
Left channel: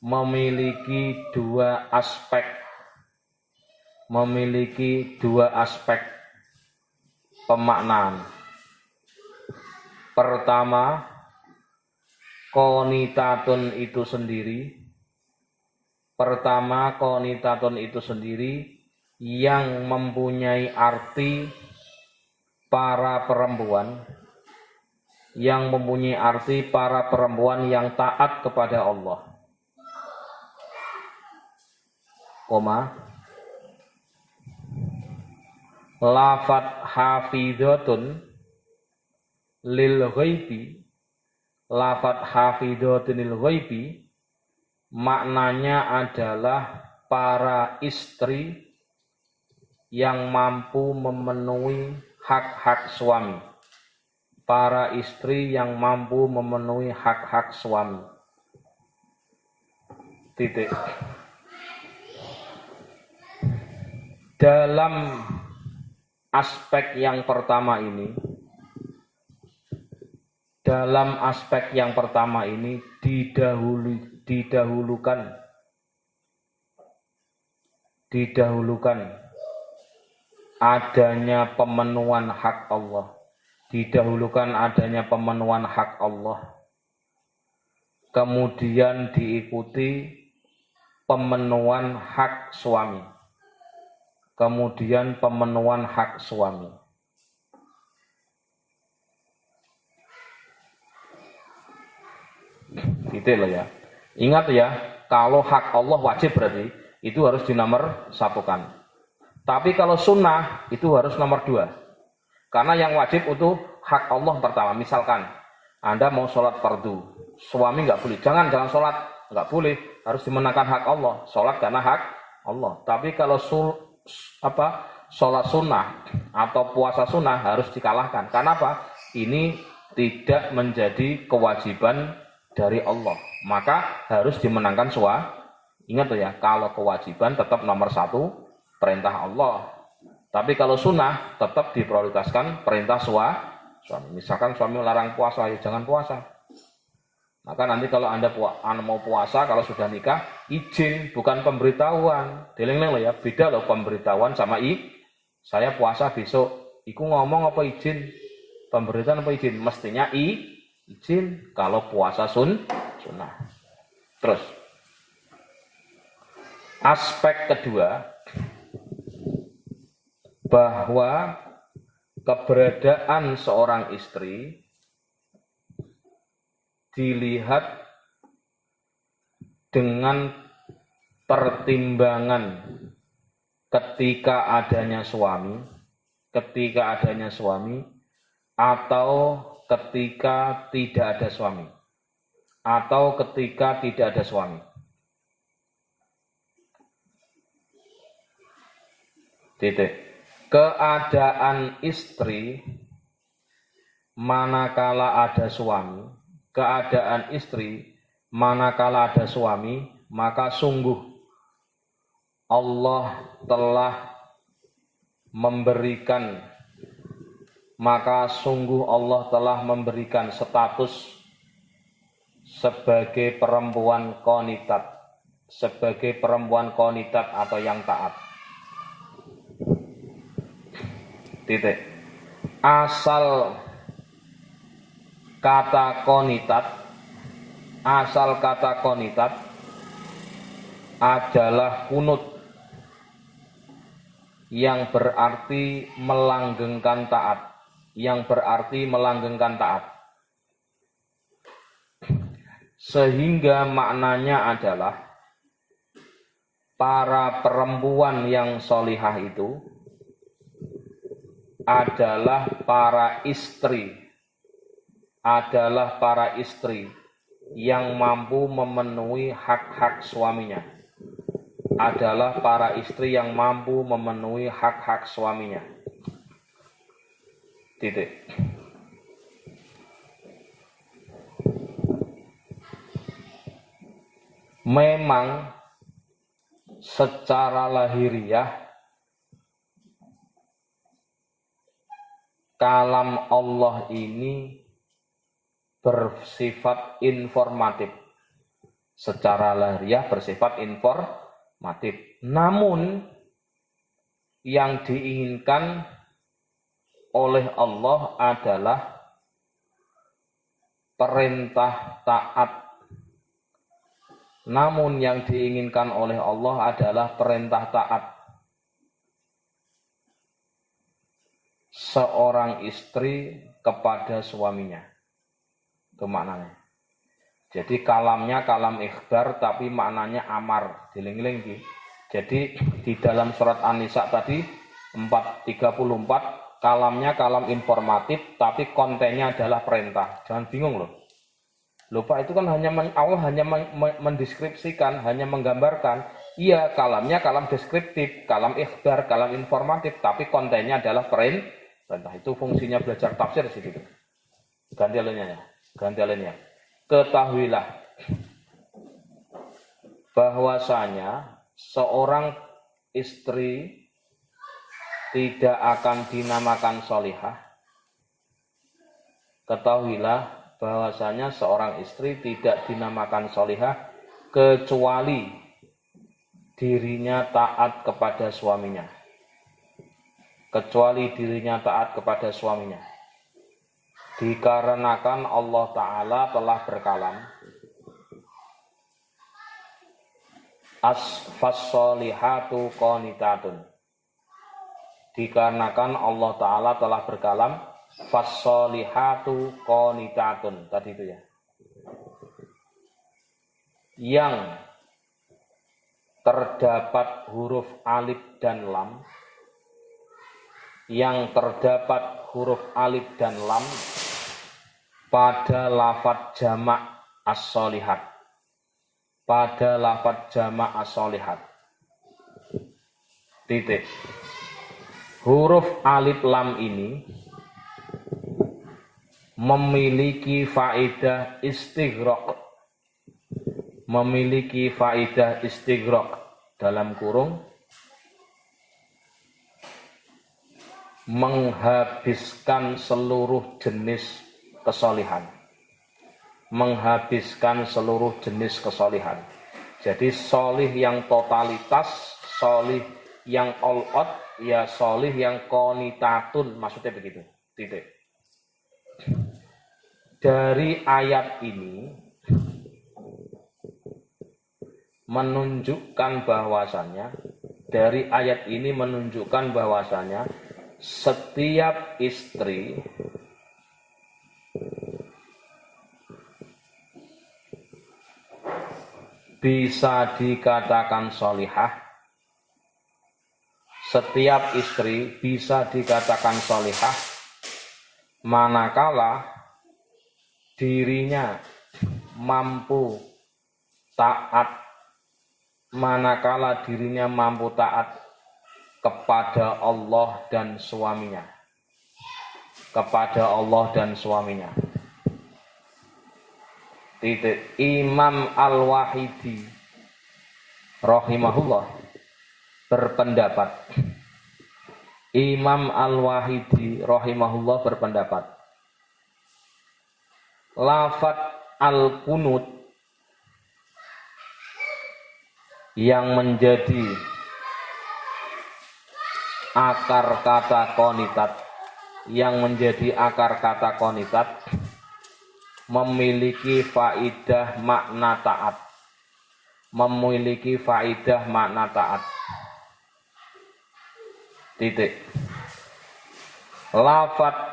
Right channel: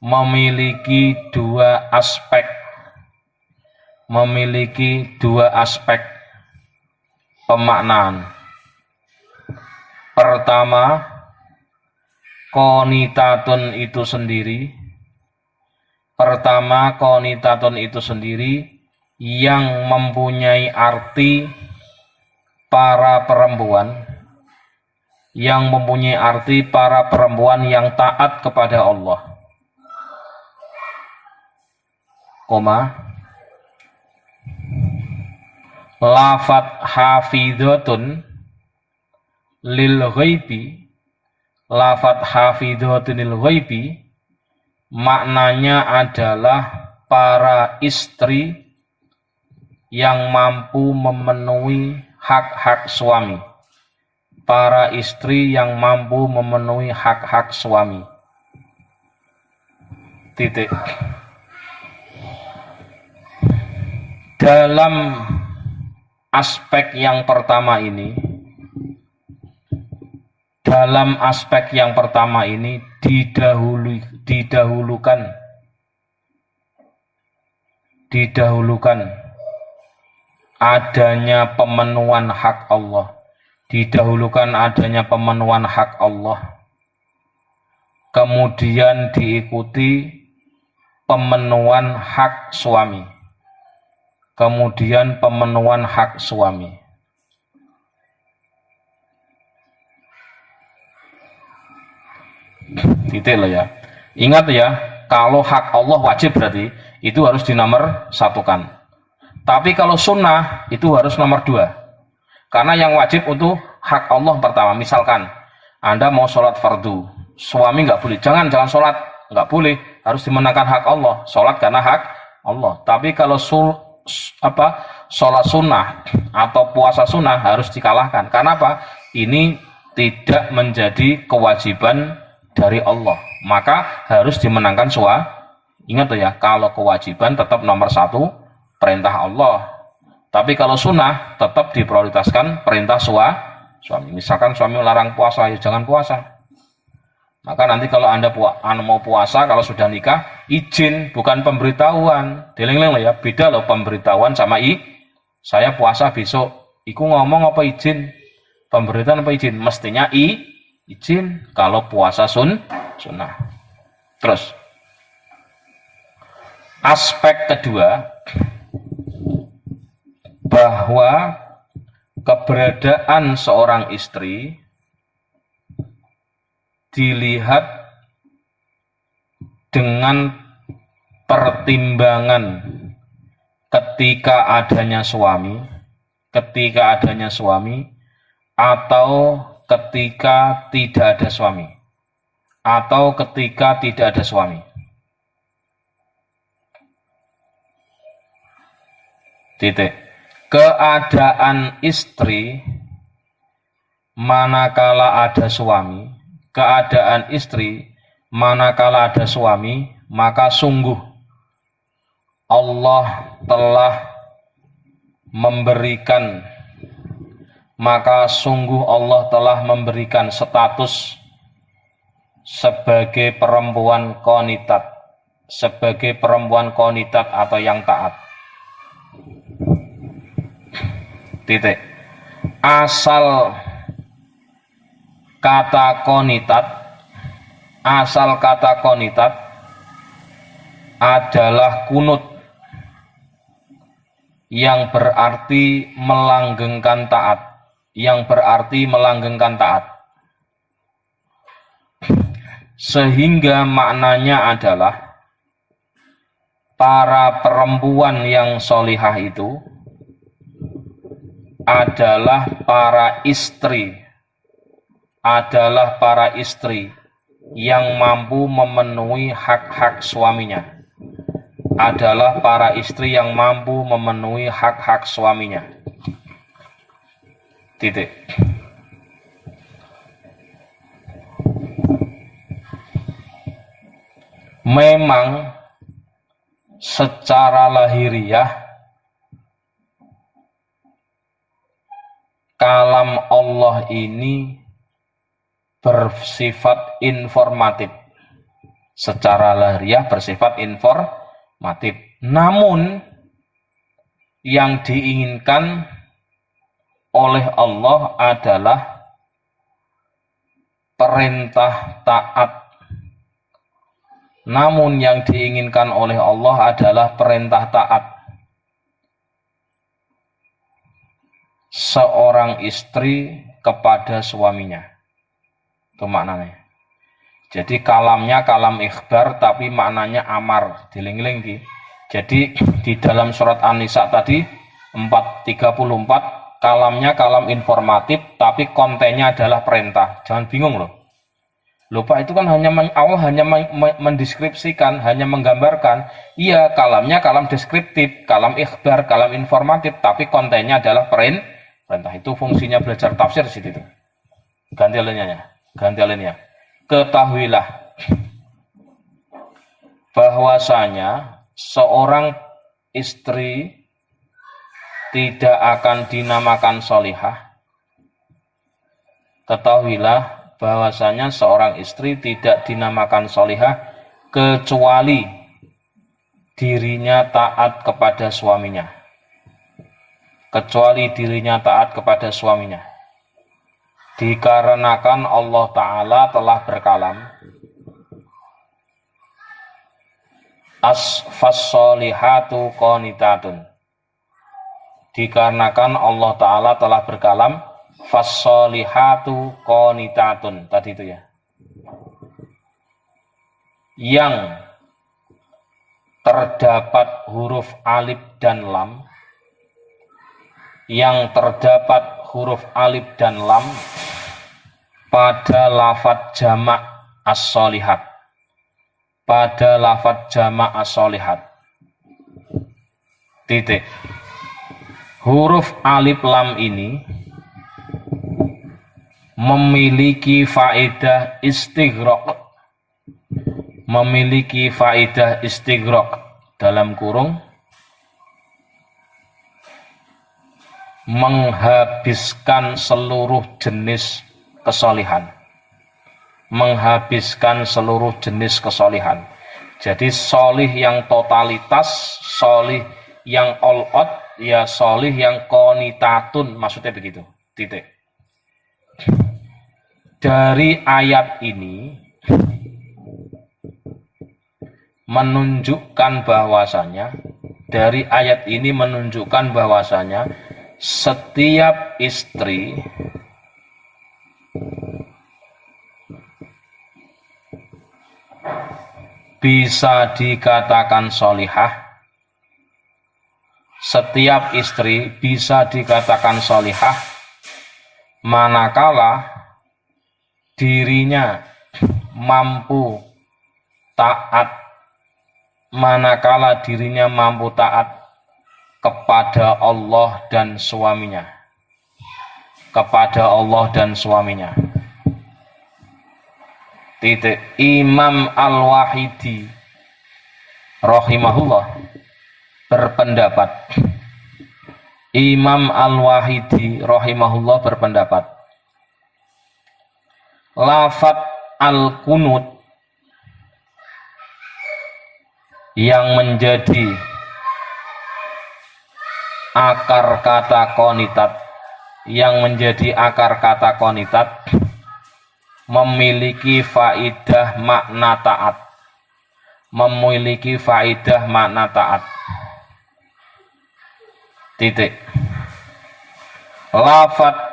memiliki dua aspek. Memiliki dua aspek pemaknaan. Pertama, qanitatun itu sendiri. Pertama, qanitatun itu sendiri yang mempunyai arti para perempuan, yang mempunyai arti para perempuan yang taat kepada Allah. Lafat hafidhatun lil ghaibi, lafat hafidhatun lil ghaibi maknanya adalah para istri yang mampu memenuhi hak-hak suami. Para istri yang mampu memenuhi hak-hak suami. Titik. Dalam aspek yang pertama ini, didahulukan adanya pemenuhan hak Allah. Didahulukan adanya pemenuhan hak Allah. Kemudian diikuti pemenuhan hak suami. Kemudian pemenuhan hak suami. Titik loh ya. Ingat ya, kalau hak Allah wajib berarti itu harus dinomor satukan. Tapi kalau sunnah itu harus nomor 2. Karena yang wajib untuk hak Allah pertama. Misalkan Anda mau sholat fardu, suami nggak boleh, jangan sholat, nggak boleh, harus dimenangkan hak Allah. Sholat karena hak Allah. Tapi kalau sholat sunnah atau puasa sunnah harus dikalahkan. Karena apa? Ini tidak menjadi kewajiban dari Allah, maka harus dimenangkan suami. Ingat ya, kalau kewajiban tetap nomor 1 perintah Allah. Tapi kalau sunnah tetap diprioritaskan perintah suami. Misalkan suami larang puasa, ya jangan puasa. Maka nanti kalau Anda mau puasa, kalau sudah nikah, izin bukan pemberitahuan. Dieling-eling ya, beda loh pemberitahuan sama saya puasa besok. Iku ngomong apa izin? Pemberitahuan apa izin? Mestinya izin kalau puasa sunnah. Terus aspek kedua, bahwa keberadaan seorang istri dilihat dengan pertimbangan ketika adanya suami, atau ketika tidak ada suami, atau ketika tidak ada suami. Titik. Keadaan istri manakala ada suami, maka sungguh Allah telah memberikan status sebagai perempuan qanitat atau yang taat. Titik. Asal kata qanitat adalah kunut, yang berarti melanggengkan taat, sehingga maknanya adalah para perempuan yang solihah itu adalah para istri yang mampu memenuhi hak-hak suaminya. Adalah para istri yang mampu memenuhi hak-hak suaminya. Titik. Memang secara lahiriah kalam Allah ini bersifat informatif. Secara lahiriah bersifat informatif. Namun yang diinginkan oleh Allah adalah perintah taat. Namun yang diinginkan oleh Allah adalah perintah taat. Seorang istri kepada suaminya. Itu maknanya. Jadi kalamnya kalam ikhbar tapi maknanya amar. Diling-iling di. Jadi di dalam surat An-Nisa tadi 434 kalamnya kalam informatif tapi kontennya adalah perintah. Jangan bingung loh. Lupa itu kan Allah hanya mendeskripsikan, hanya menggambarkan. Iya, kalamnya kalam deskriptif, kalam ikhbar, kalam informatif, tapi kontennya adalah perintah. Itu fungsinya belajar tafsir di situ. Ganti alinea. Ketahuilah bahwasanya seorang istri tidak akan dinamakan solihah. Ketahuilah bahwasanya seorang istri tidak dinamakan solihah kecuali dirinya taat kepada suaminya. Dikarenakan Allah Ta'ala telah berkalam as-fassolihatu qanitatun. Dikarenakan Allah Ta'ala telah berkalam fassolihatu qanitatun. Tadi itu ya. Yang terdapat huruf alif dan lam. Pada lafadz jamak as-solihat. Titik. Huruf alif lam ini memiliki faedah istighraq dalam kurung menghabiskan seluruh jenis kesolihan. Jadi solih yang totalitas, solih yang all out, ya solih yang qanitatun, maksudnya begitu. Titik. Dari ayat ini menunjukkan bahwasanya setiap istri bisa dikatakan solihah. Manakala dirinya mampu taat kepada Allah dan suaminya. Titik. Imam Al-Wahidi rahimahullah berpendapat lafadz al-qunut yang menjadi akar kata qanitat memiliki faidah makna taat. Titik. Lafadz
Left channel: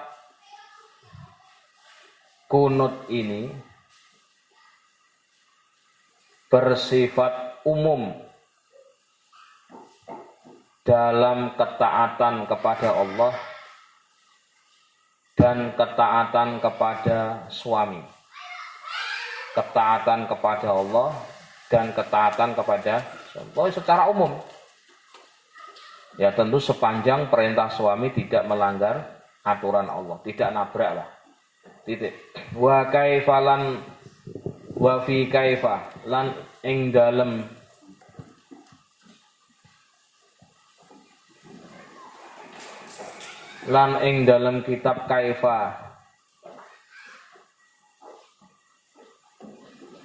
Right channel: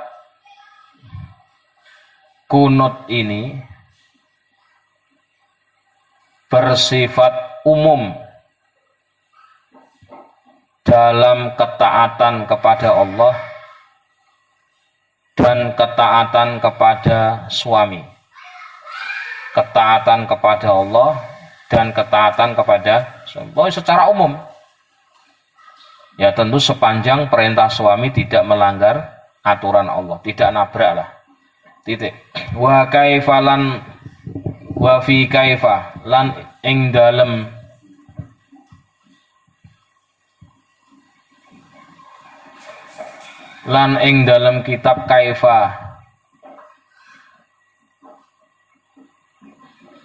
kunut ini bersifat umum dalam ketaatan kepada Allah dan ketaatan kepada suami. Ketaatan kepada Allah dan ketaatan kepada suami. Oh, secara umum. Ya tentu sepanjang perintah suami tidak melanggar aturan Allah, tidak nabrak lah. Titik. Wa kaifalan wa fi kaifa lan ing dalem kitab kaifa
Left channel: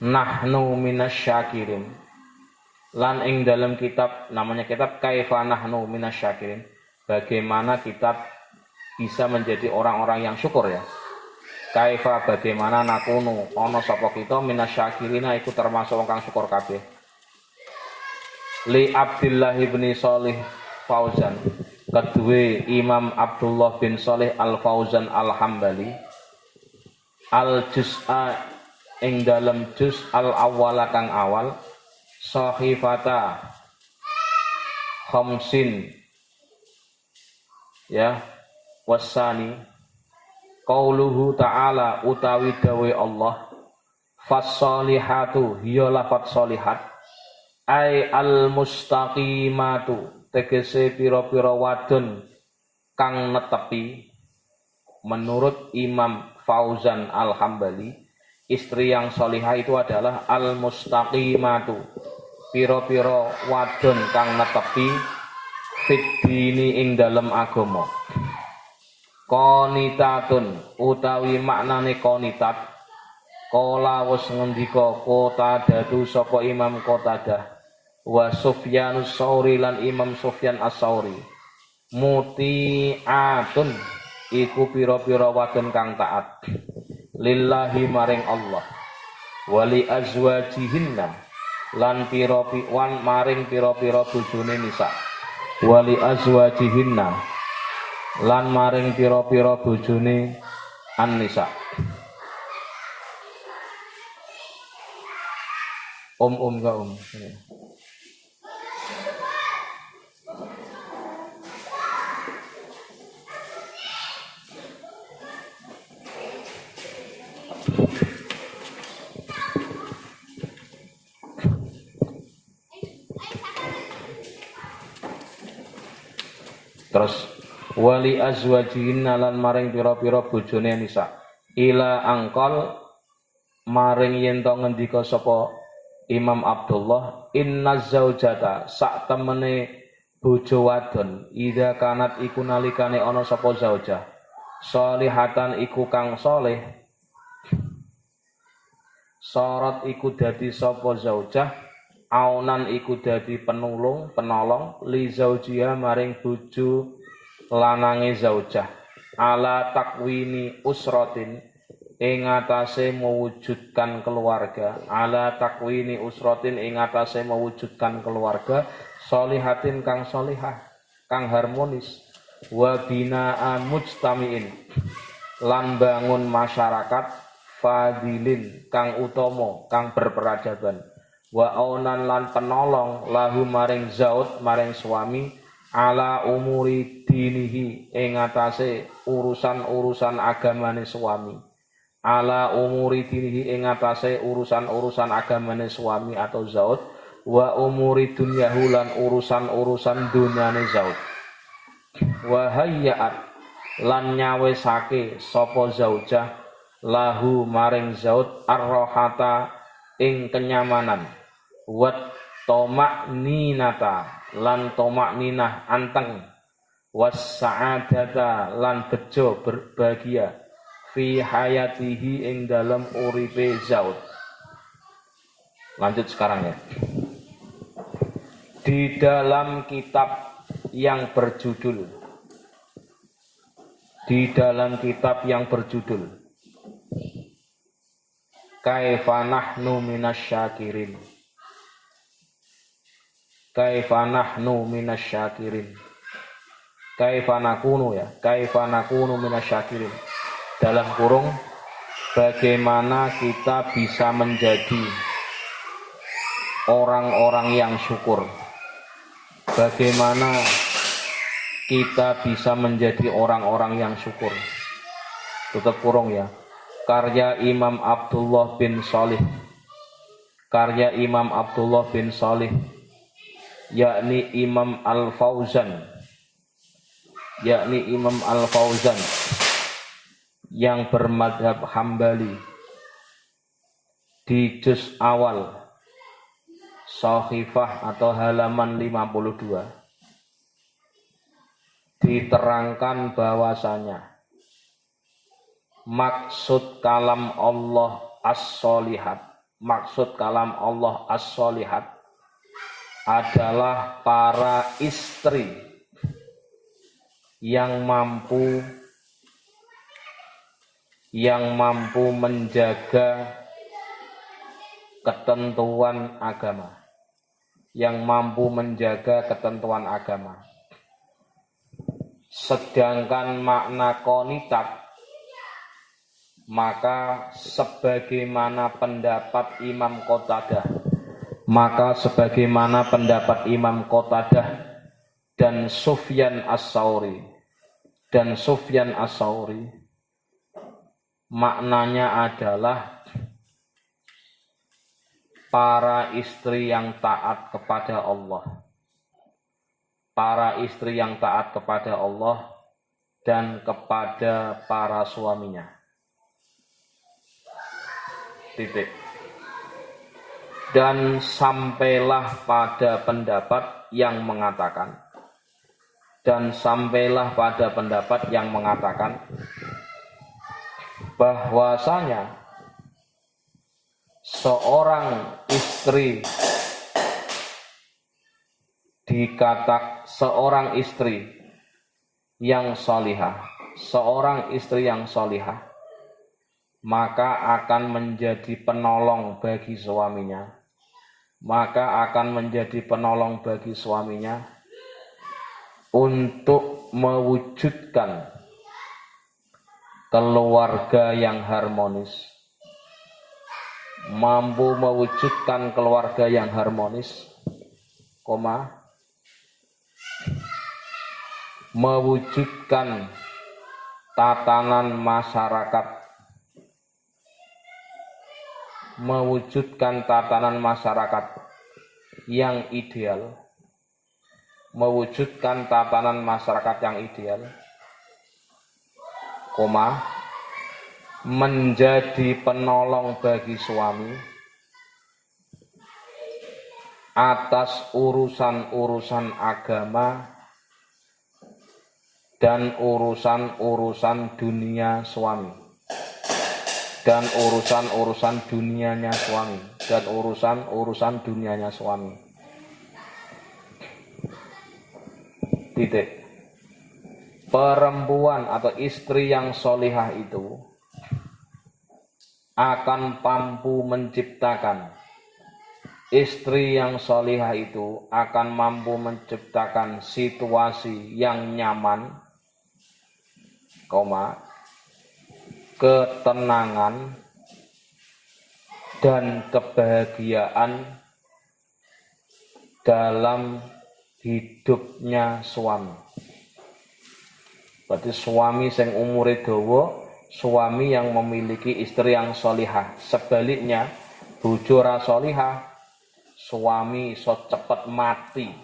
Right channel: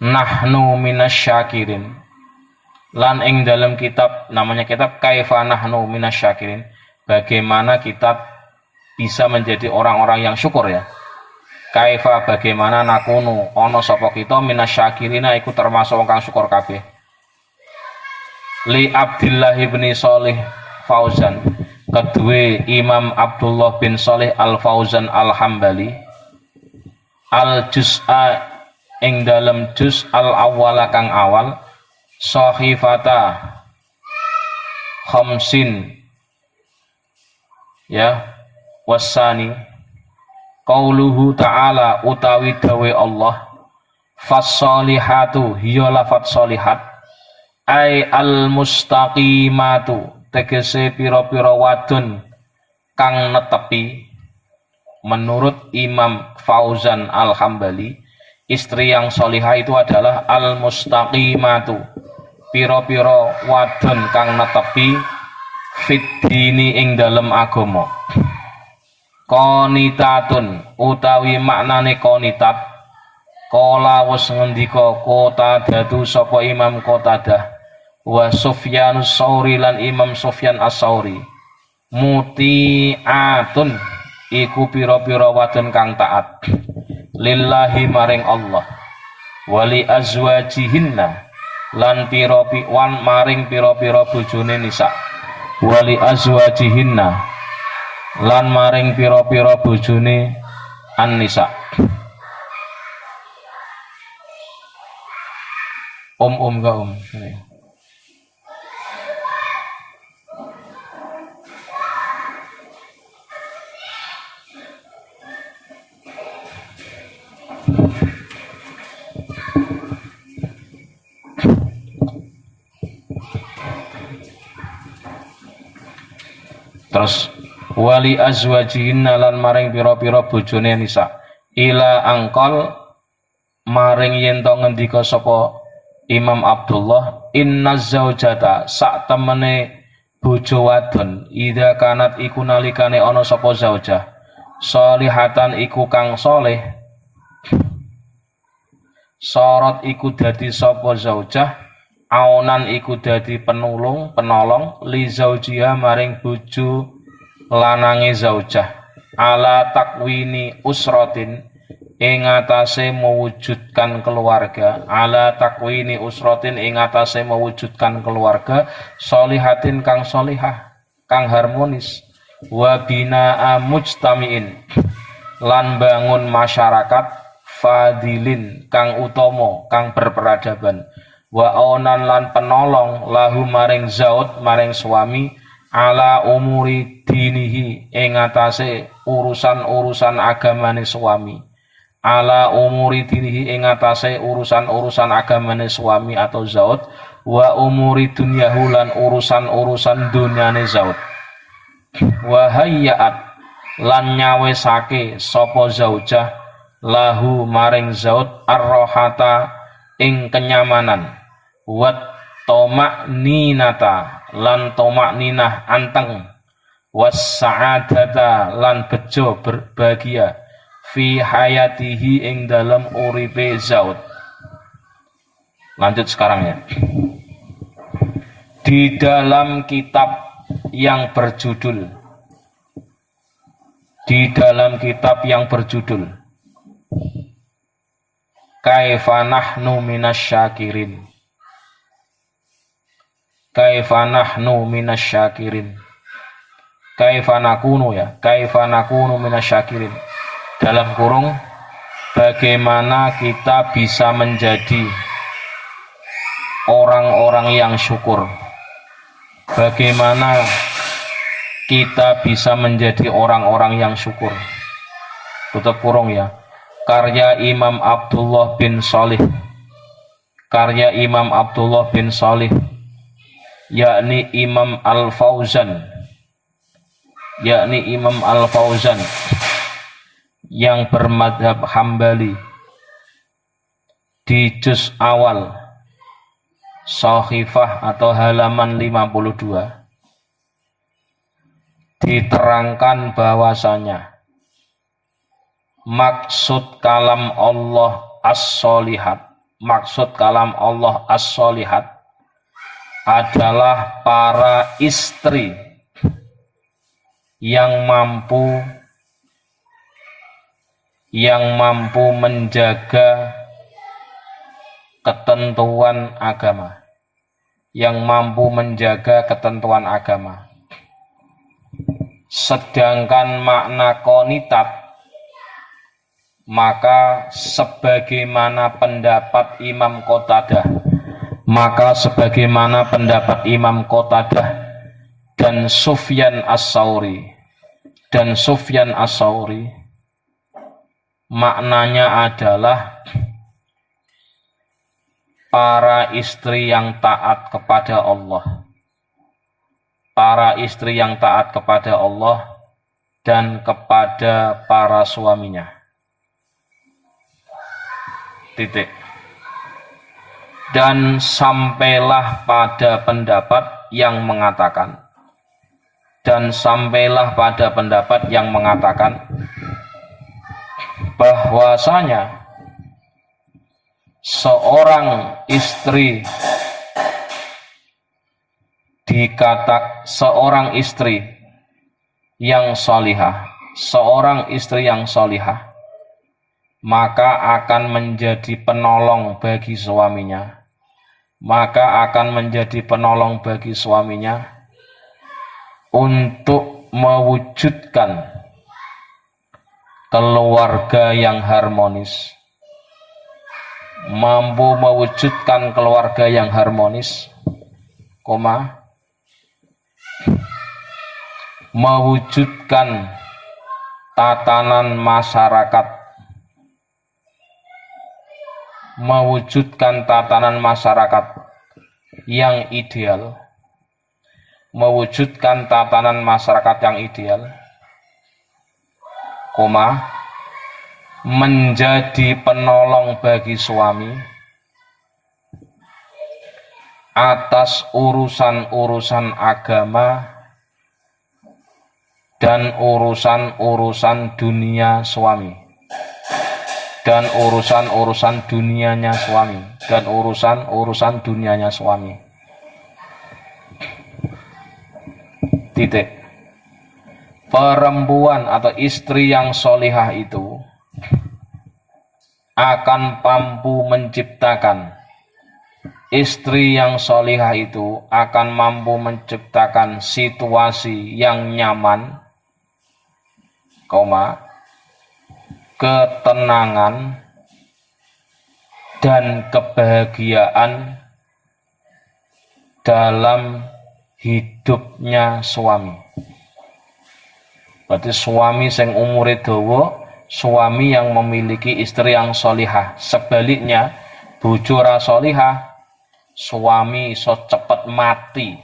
nahnu minasyakirin, lan ing dalam kitab, namanya kitab kaifa nahnu minasyakirin, bagaimana kitab bisa menjadi orang-orang yang syukur ya. Kaifa bagaimana nakunu ono sapa kita minasyakirina iku termasuk wong kang syukur kabeh. Li Abdullah bin Shalih Fauzan, kedue Imam Abdullah bin Shalih Al Fauzan Al Hambali, al juz'a ing dalam juz al awwala kang awal, sahifata khamsin ya wasani, qauluhu ta'ala utawi dawe Allah, fassolihatu hiya lafat solihat, ai al mustaqimatu tegese pira-pira wadon kang netepi. Menurut Imam Fauzan Al Hambali, istri yang solihah itu adalah al mustaqimatu, piro-piro wadon kang netepi, fit dini ing dalem agama. Qanitatun utawi maknane qanitat, kala wis ngendika Qatadatu sapa Imam Qatadah, wa Sufyanus Tsauri lan Imam Sufyan As-Tsauri, muti'atun iku piro-piro wadon kang taat lillahi maring Allah, wali azwajihinna lan piro-piwan maring piro-piro bojone nisa, wali azwajihinna lan maring piro-piro bojone an-nisa. Ga terus wali azwajihinna lan maring pira-pira bojone nisa, ila angkol maring yen to ngendika sapa Imam Abdullah, inna zaujata sak temene bojo wadon, idza kanat iku nalikane ana sapa zaujah, solihatan iku kang soleh, sorot iku dadi sapa zaujah, aunan iku dadi penolong li zaujiha maring bojo lanange zaujah, ala takwini usratin ing atase mewujudkan keluarga, ala takwini usratin ing atase mewujudkan keluarga, solihatin kang solihah kang harmonis, wa binaa mujtamiin lan bangun masyarakat fadilin kang utama kang berperadaban, wa onan lan penolong lahu maring zaud maring suami, ala umuri dinihi ing atase urusan-urusan agamane suami, ala umuri dinihi ing atase urusan-urusan agamane suami atau zaud, wa umuri dunyahu lan urusan-urusan dunyane zaud, wa hayyaat lan nyawesake sapa zaujah lahu maring zaud arrohata ing kenyamanan, wat tomak ninata lan tomak ninah anteng, was sa'adata lan bejo berbahagia, fi hayatihi ing dalam uripe zaud. Lanjut sekarang ya. Di dalam kitab yang berjudul Kaifa nahnu minasyakirin, kaifa nahnu minasyakirin, kaifa nakunu ya, kaifa nakunu minasyakirin, dalam kurung bagaimana kita bisa menjadi orang-orang yang syukur, bagaimana kita bisa menjadi orang-orang yang syukur. tutup kurung ya, karya Imam Abdullah bin Shalih, karya Imam Abdullah bin Shalih, yakni Imam Al-Fauzan, yakni Imam Al-Fauzan yang bermadhab Hambali, di juz awal Shahifah atau halaman 52 diterangkan bahwasanya maksud kalam Allah as-solihat, maksud kalam Allah as-solihat adalah para istri yang mampu menjaga ketentuan agama, yang mampu menjaga ketentuan agama. Sedangkan makna qonitat, maka sebagaimana pendapat Imam Qatadah, dan Sufyan As-Sauri, maknanya adalah para istri yang taat kepada Allah, para istri yang taat kepada Allah dan kepada para suaminya. Titik. Dan sampailah pada pendapat yang mengatakan, bahwasanya seorang istri yang solihah, maka akan menjadi penolong bagi suaminya, untuk mewujudkan keluarga yang harmonis, mewujudkan tatanan masyarakat yang ideal, menjadi penolong bagi suami atas urusan-urusan agama dan urusan-urusan dunia suami, dan urusan-urusan dunianya suami. Titik. Perempuan atau istri yang solihah itu akan mampu menciptakan, situasi yang nyaman, ketenangan dan kebahagiaan dalam hidupnya suami. Berarti suami sing umure dawa, suami yang memiliki istri yang solihah. Sebaliknya, bojo ra solihah, suami iso cepet mati.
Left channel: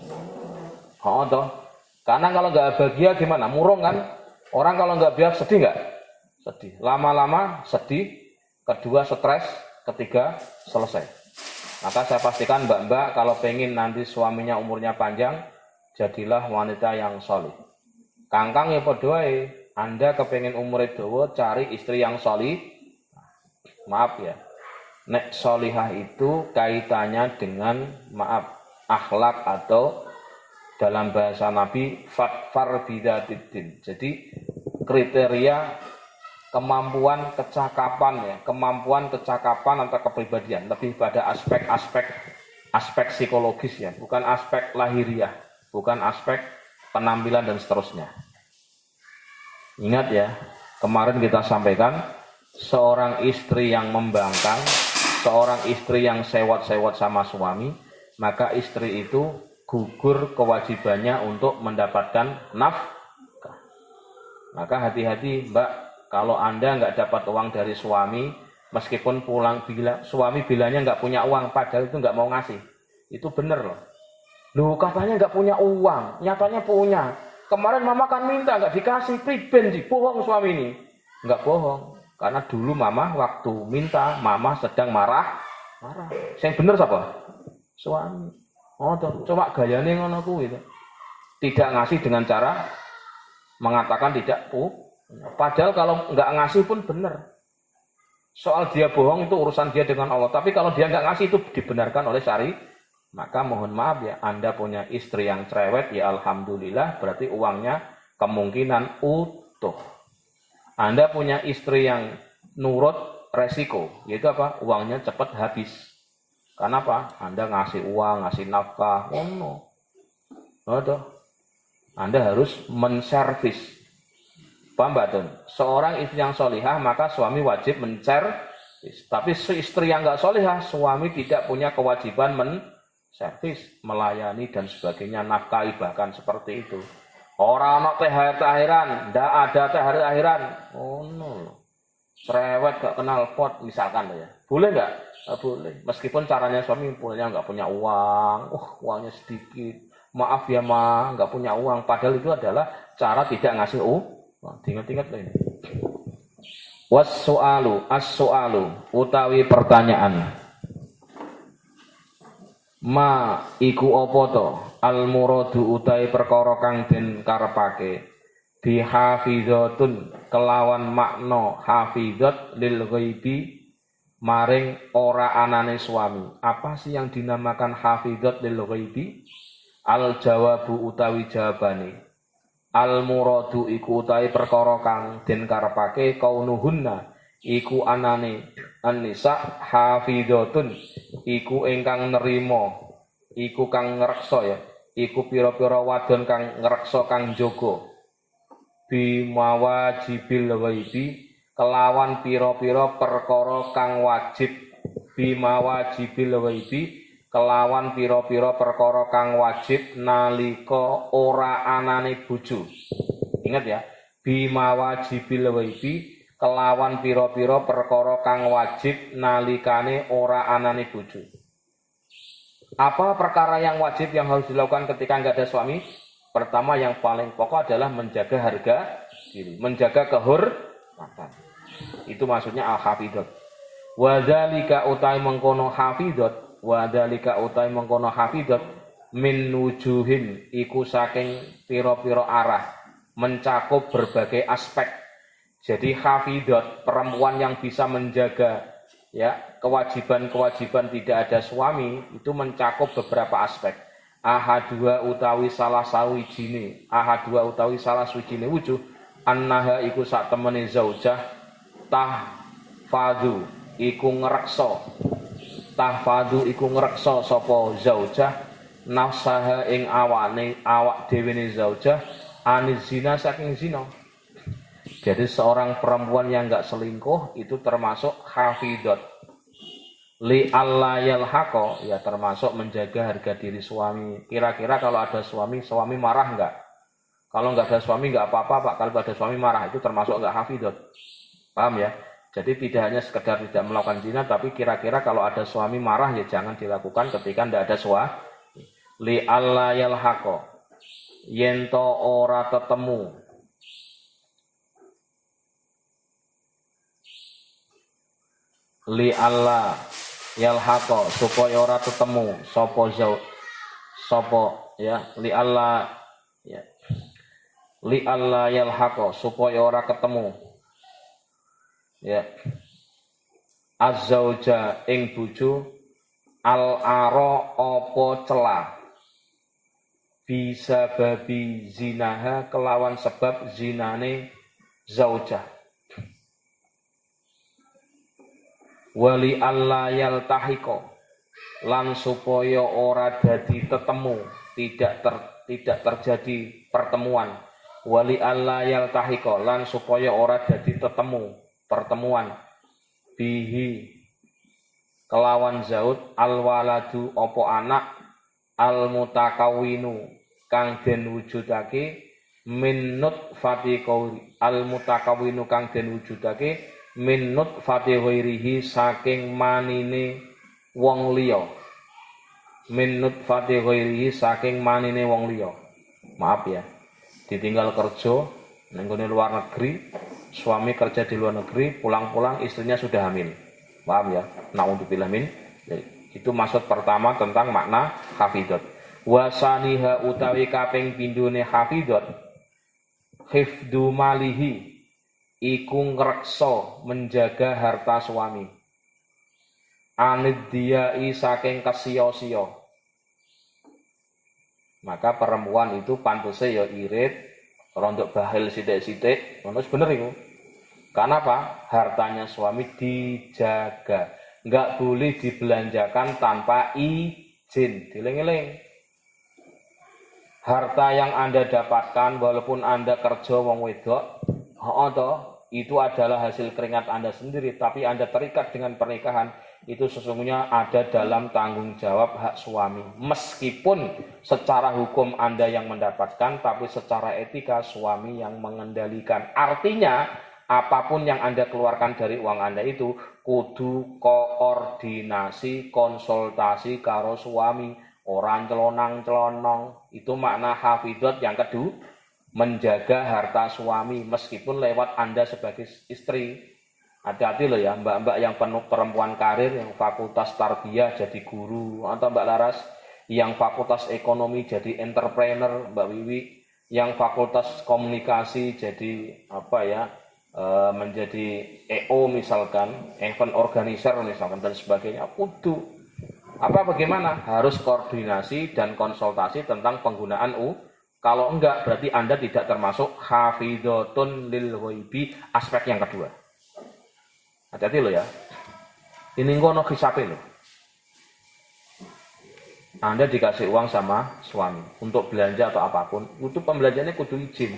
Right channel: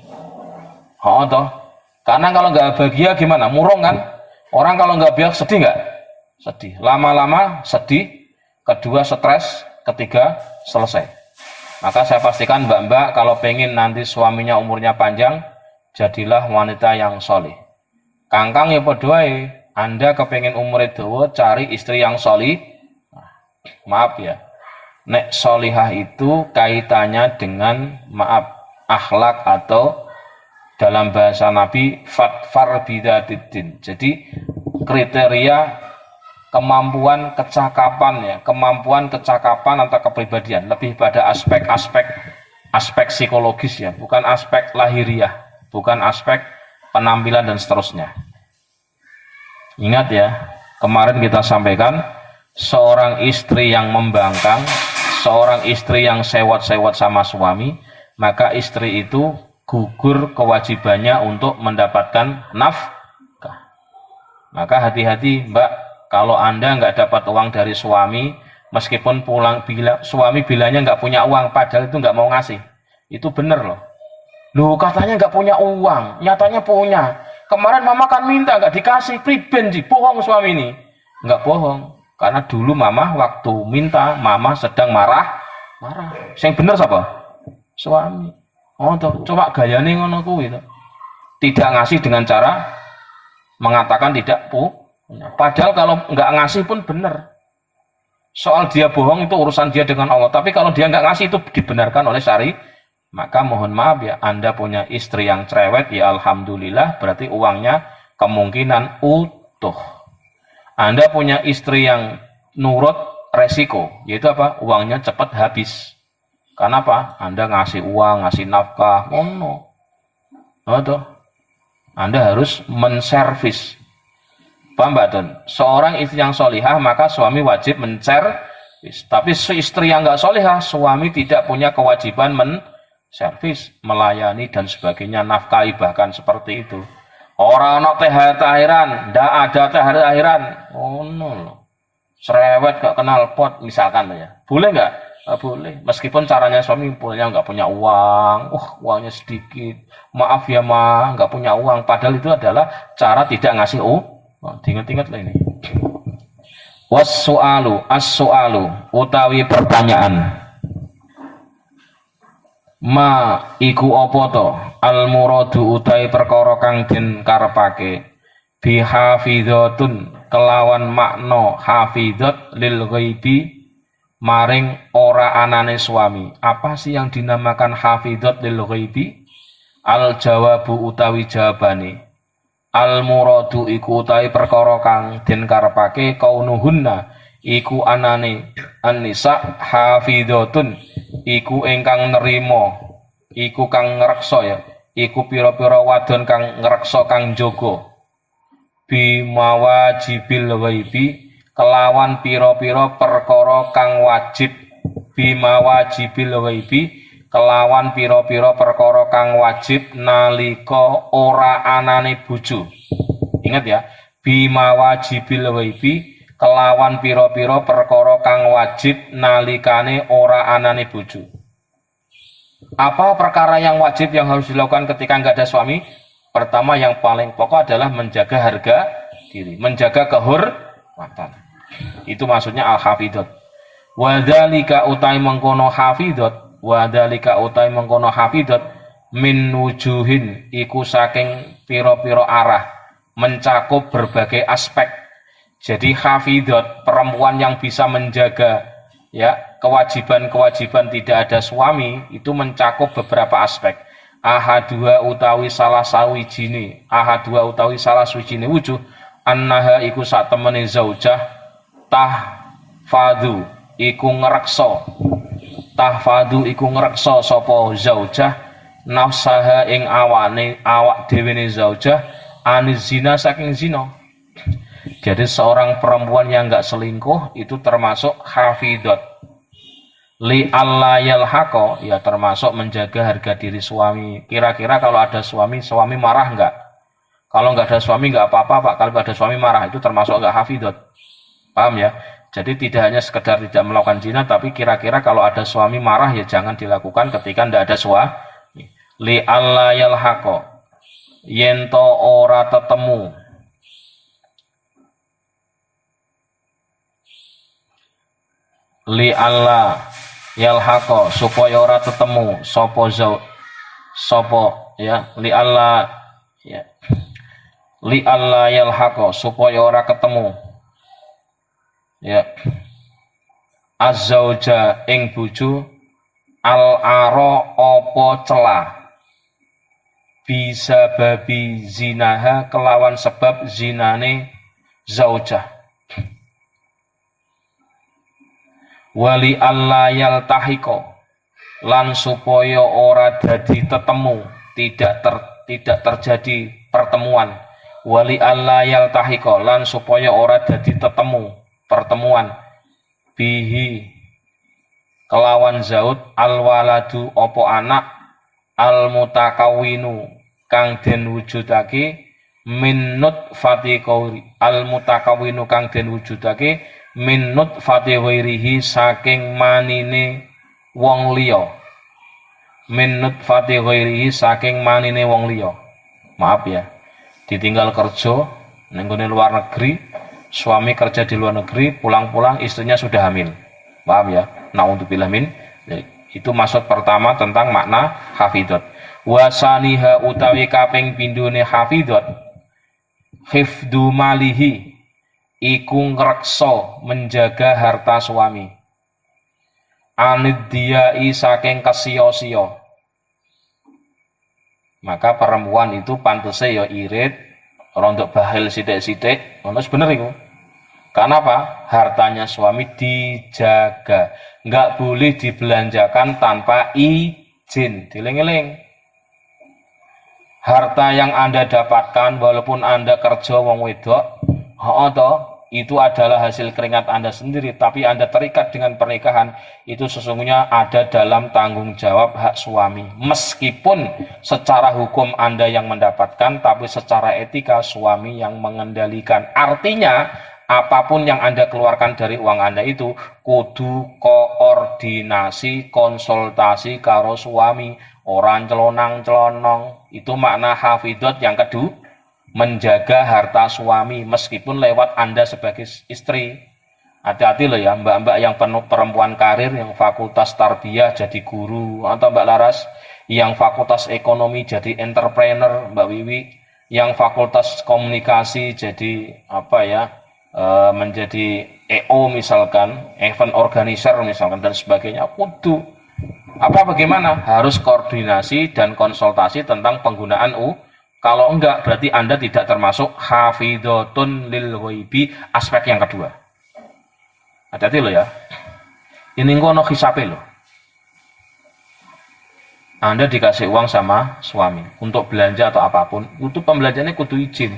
Toh? Karena kalau nggak bahagia gimana? Murung kan? Orang kalau nggak bahagia sedih nggak? Sedih. Lama-lama sedih, kedua stres, ketiga selesai. Maka saya pastikan mbak-mbak kalau pengen nanti suaminya umurnya panjang, jadilah wanita yang solih. Kangkang ya padha wae, Anda kepengen umure dawa cari istri yang solih. Maaf ya, nek solihah itu kaitannya dengan akhlak atau dalam bahasa Nabi fatfar bidzatiddin. Jadi kriteria kemampuan kecakapan atau kepribadian, lebih pada aspek psikologis ya, bukan aspek lahiriah, bukan aspek penampilan dan seterusnya. Ingat ya, kemarin kita sampaikan seorang istri yang membangkang, seorang istri yang sewot-sewot sama suami, maka istri itu gugur kewajibannya untuk mendapatkan nafkah. Maka hati-hati mbak, kalau Anda nggak dapat uang dari suami, meskipun pulang suami bilangnya nggak punya uang, padahal itu nggak mau ngasih. Itu bener loh. Loh katanya nggak punya uang, nyatanya punya. Kemarin mama kan minta nggak dikasih, priben sih, bohong suami ini. Nggak bohong, karena dulu mama waktu minta, mama sedang marah. Yang bener siapa? Suami. Oh tuh, coba gayane ngono kuwi to. Tidak ngasih dengan cara mengatakan tidak punya. Padahal kalau nggak ngasih pun benar. Soal dia bohong itu urusan dia dengan Allah. Tapi kalau dia nggak ngasih itu dibenarkan oleh syari. Maka mohon maaf ya, Anda punya istri yang cerewet, ya alhamdulillah, berarti uangnya kemungkinan utuh. Anda punya istri yang nurut, resiko, yaitu apa? Uangnya cepat habis. Karena apa? Anda ngasih uang, ngasih nafkah, no. Anda harus menservis. Paham Mbak Tun? Seorang istri yang solihah, maka suami wajib menservis. Tapi istri yang nggak solihah, suami tidak punya kewajiban menservis, melayani dan sebagainya, nafkahi bahkan seperti itu. Orang anak THR-THRan, ndak ada THR-THRan. Oh no. Cerewet gak kenal pot misalkan ya. Boleh nggak? Boleh. Meskipun caranya suami punya nggak punya uang, uangnya sedikit. Maaf ya ma, nggak punya uang. Padahal itu adalah cara tidak ngasih ingat-ingat lah ini. As-su'alu utawi pertanyaan. Ma iku apa to? Al muradu utawi perkara kang den karepake. Bi hafizatun kelawan makna hafizat lil ghaibi maring ora anane suami. Apa sih yang dinamakan hafizat lil ghaibi? Al jawabu utawi jawabane. Al muradu iku utawi perkara kang den karepake kaunuhunna iku anane an-nisa hafizatun iku ingkang nerima iku kang ngreksa ya iku pira-pira wadon kang ngreksa kang jaga bimawajibil ghaibi kelawan pira-pira perkara kang wajib bimawajibil ghaibi kelawan pira-pira perkara kang wajib nalika ora anane bojo. Ingat ya, bimawajibil ghaibi kelawan pira-pira perkara kang wajib nalikane ora anane bojo. Apa perkara yang wajib yang harus dilakukan ketika nggak ada suami? Pertama yang paling pokok adalah menjaga harga diri, menjaga kehormatan. Itu maksudnya al-hafidhat. Wadzalika utai mengkono hafidhat, wadzalika utai mengkono hafidhat min wujuhin iku saking pira-pira arah, mencakup berbagai aspek. Jadi hafidhat, perempuan yang bisa menjaga ya kewajiban-kewajiban tidak ada suami itu mencakup beberapa aspek. Ahadua utawi salah sawijine, ahadua utawi salah sawijine wujuh annaha iku sak temene zaujah tahfadhu iku ngreksa sapa zaujah nafsaha ing awane awak dhewe ne zaujah aniz zina saking zina. Jadi seorang perempuan yang enggak selingkuh itu termasuk hafidhat. Li alla yalhaqa ya termasuk menjaga harga diri suami. Kira-kira kalau ada suami marah enggak? Kalau enggak ada suami enggak apa-apa Pak. Kalau ada suami marah itu termasuk enggak hafidhat. Paham ya? Jadi tidak hanya sekedar tidak melakukan zina, tapi kira-kira kalau ada suami marah ya jangan dilakukan ketika enggak ada suami. Li alla yalhaqa yen to ora tetemu. Li alla yalhaqa supaya ora tetemu sapa ya li alla yalhaqa supaya ora ketemu ya azzauja ing bojo al-ara apa celah bisa babi zinaha kelawan sebab zinane zaujah wali alla yaltahiqo lan supaya ora dadi tetemu tidak terjadi pertemuan wali alla yaltahiqo lan supaya ora dadi pertemuan bihi kelawan zaud alwaladu opo anak almutakawinu kang den wujudake min nutfati qauri al mutakawwinu kang den wujudake min nutfati ghairihi saking manine wong liya min nutfati ghairihi saking manine wong liya. Maaf ya, ditinggal kerja ning luar negeri, suami kerja di luar negeri, pulang-pulang istrinya sudah hamil. Maaf ya, naudzubillah min. Itu maksud pertama tentang makna hafidhot. Wasaniha utawi kaping pindhone hafidhot hifdzu malihi iku ngreksa menjaga harta suami. Anidyai saking kesiya-siya. Maka perempuan itu pantese ya irit, rondok bahil sithik-sithik, ngono bener iku. Karena apa? Hartanya suami dijaga, enggak boleh dibelanjakan tanpa izin. Dieling-eling. Harta yang Anda dapatkan walaupun Anda kerja wong wedok, itu adalah hasil keringat Anda sendiri, tapi Anda terikat dengan pernikahan, itu sesungguhnya ada dalam tanggung jawab hak suami. Meskipun secara hukum Anda yang mendapatkan, tapi secara etika suami yang mengendalikan. Artinya, apapun yang Anda keluarkan dari uang Anda itu, kudu koordinasi, konsultasi karo suami. Orang celonang-celonong, itu makna hafidhot yang kedua. Menjaga harta suami meskipun lewat Anda sebagai istri. Hati-hati loh ya mbak-mbak yang penuh perempuan karir yang fakultas tarbiyah jadi guru, atau Mbak Laras yang fakultas ekonomi jadi entrepreneur, Mbak Wiwi yang fakultas komunikasi jadi menjadi EO misalkan, event organizer misalkan dan sebagainya. Kudu bagaimana? Harus koordinasi dan konsultasi tentang penggunaan Kalau enggak, berarti Anda tidak termasuk hafidhotun lil ghaibi, aspek yang kedua. Hati-hati loh ya. Ini ngono hisabe loh. Anda dikasih uang sama suami untuk belanja atau apapun, untuk pembelanjaannya kudu izin.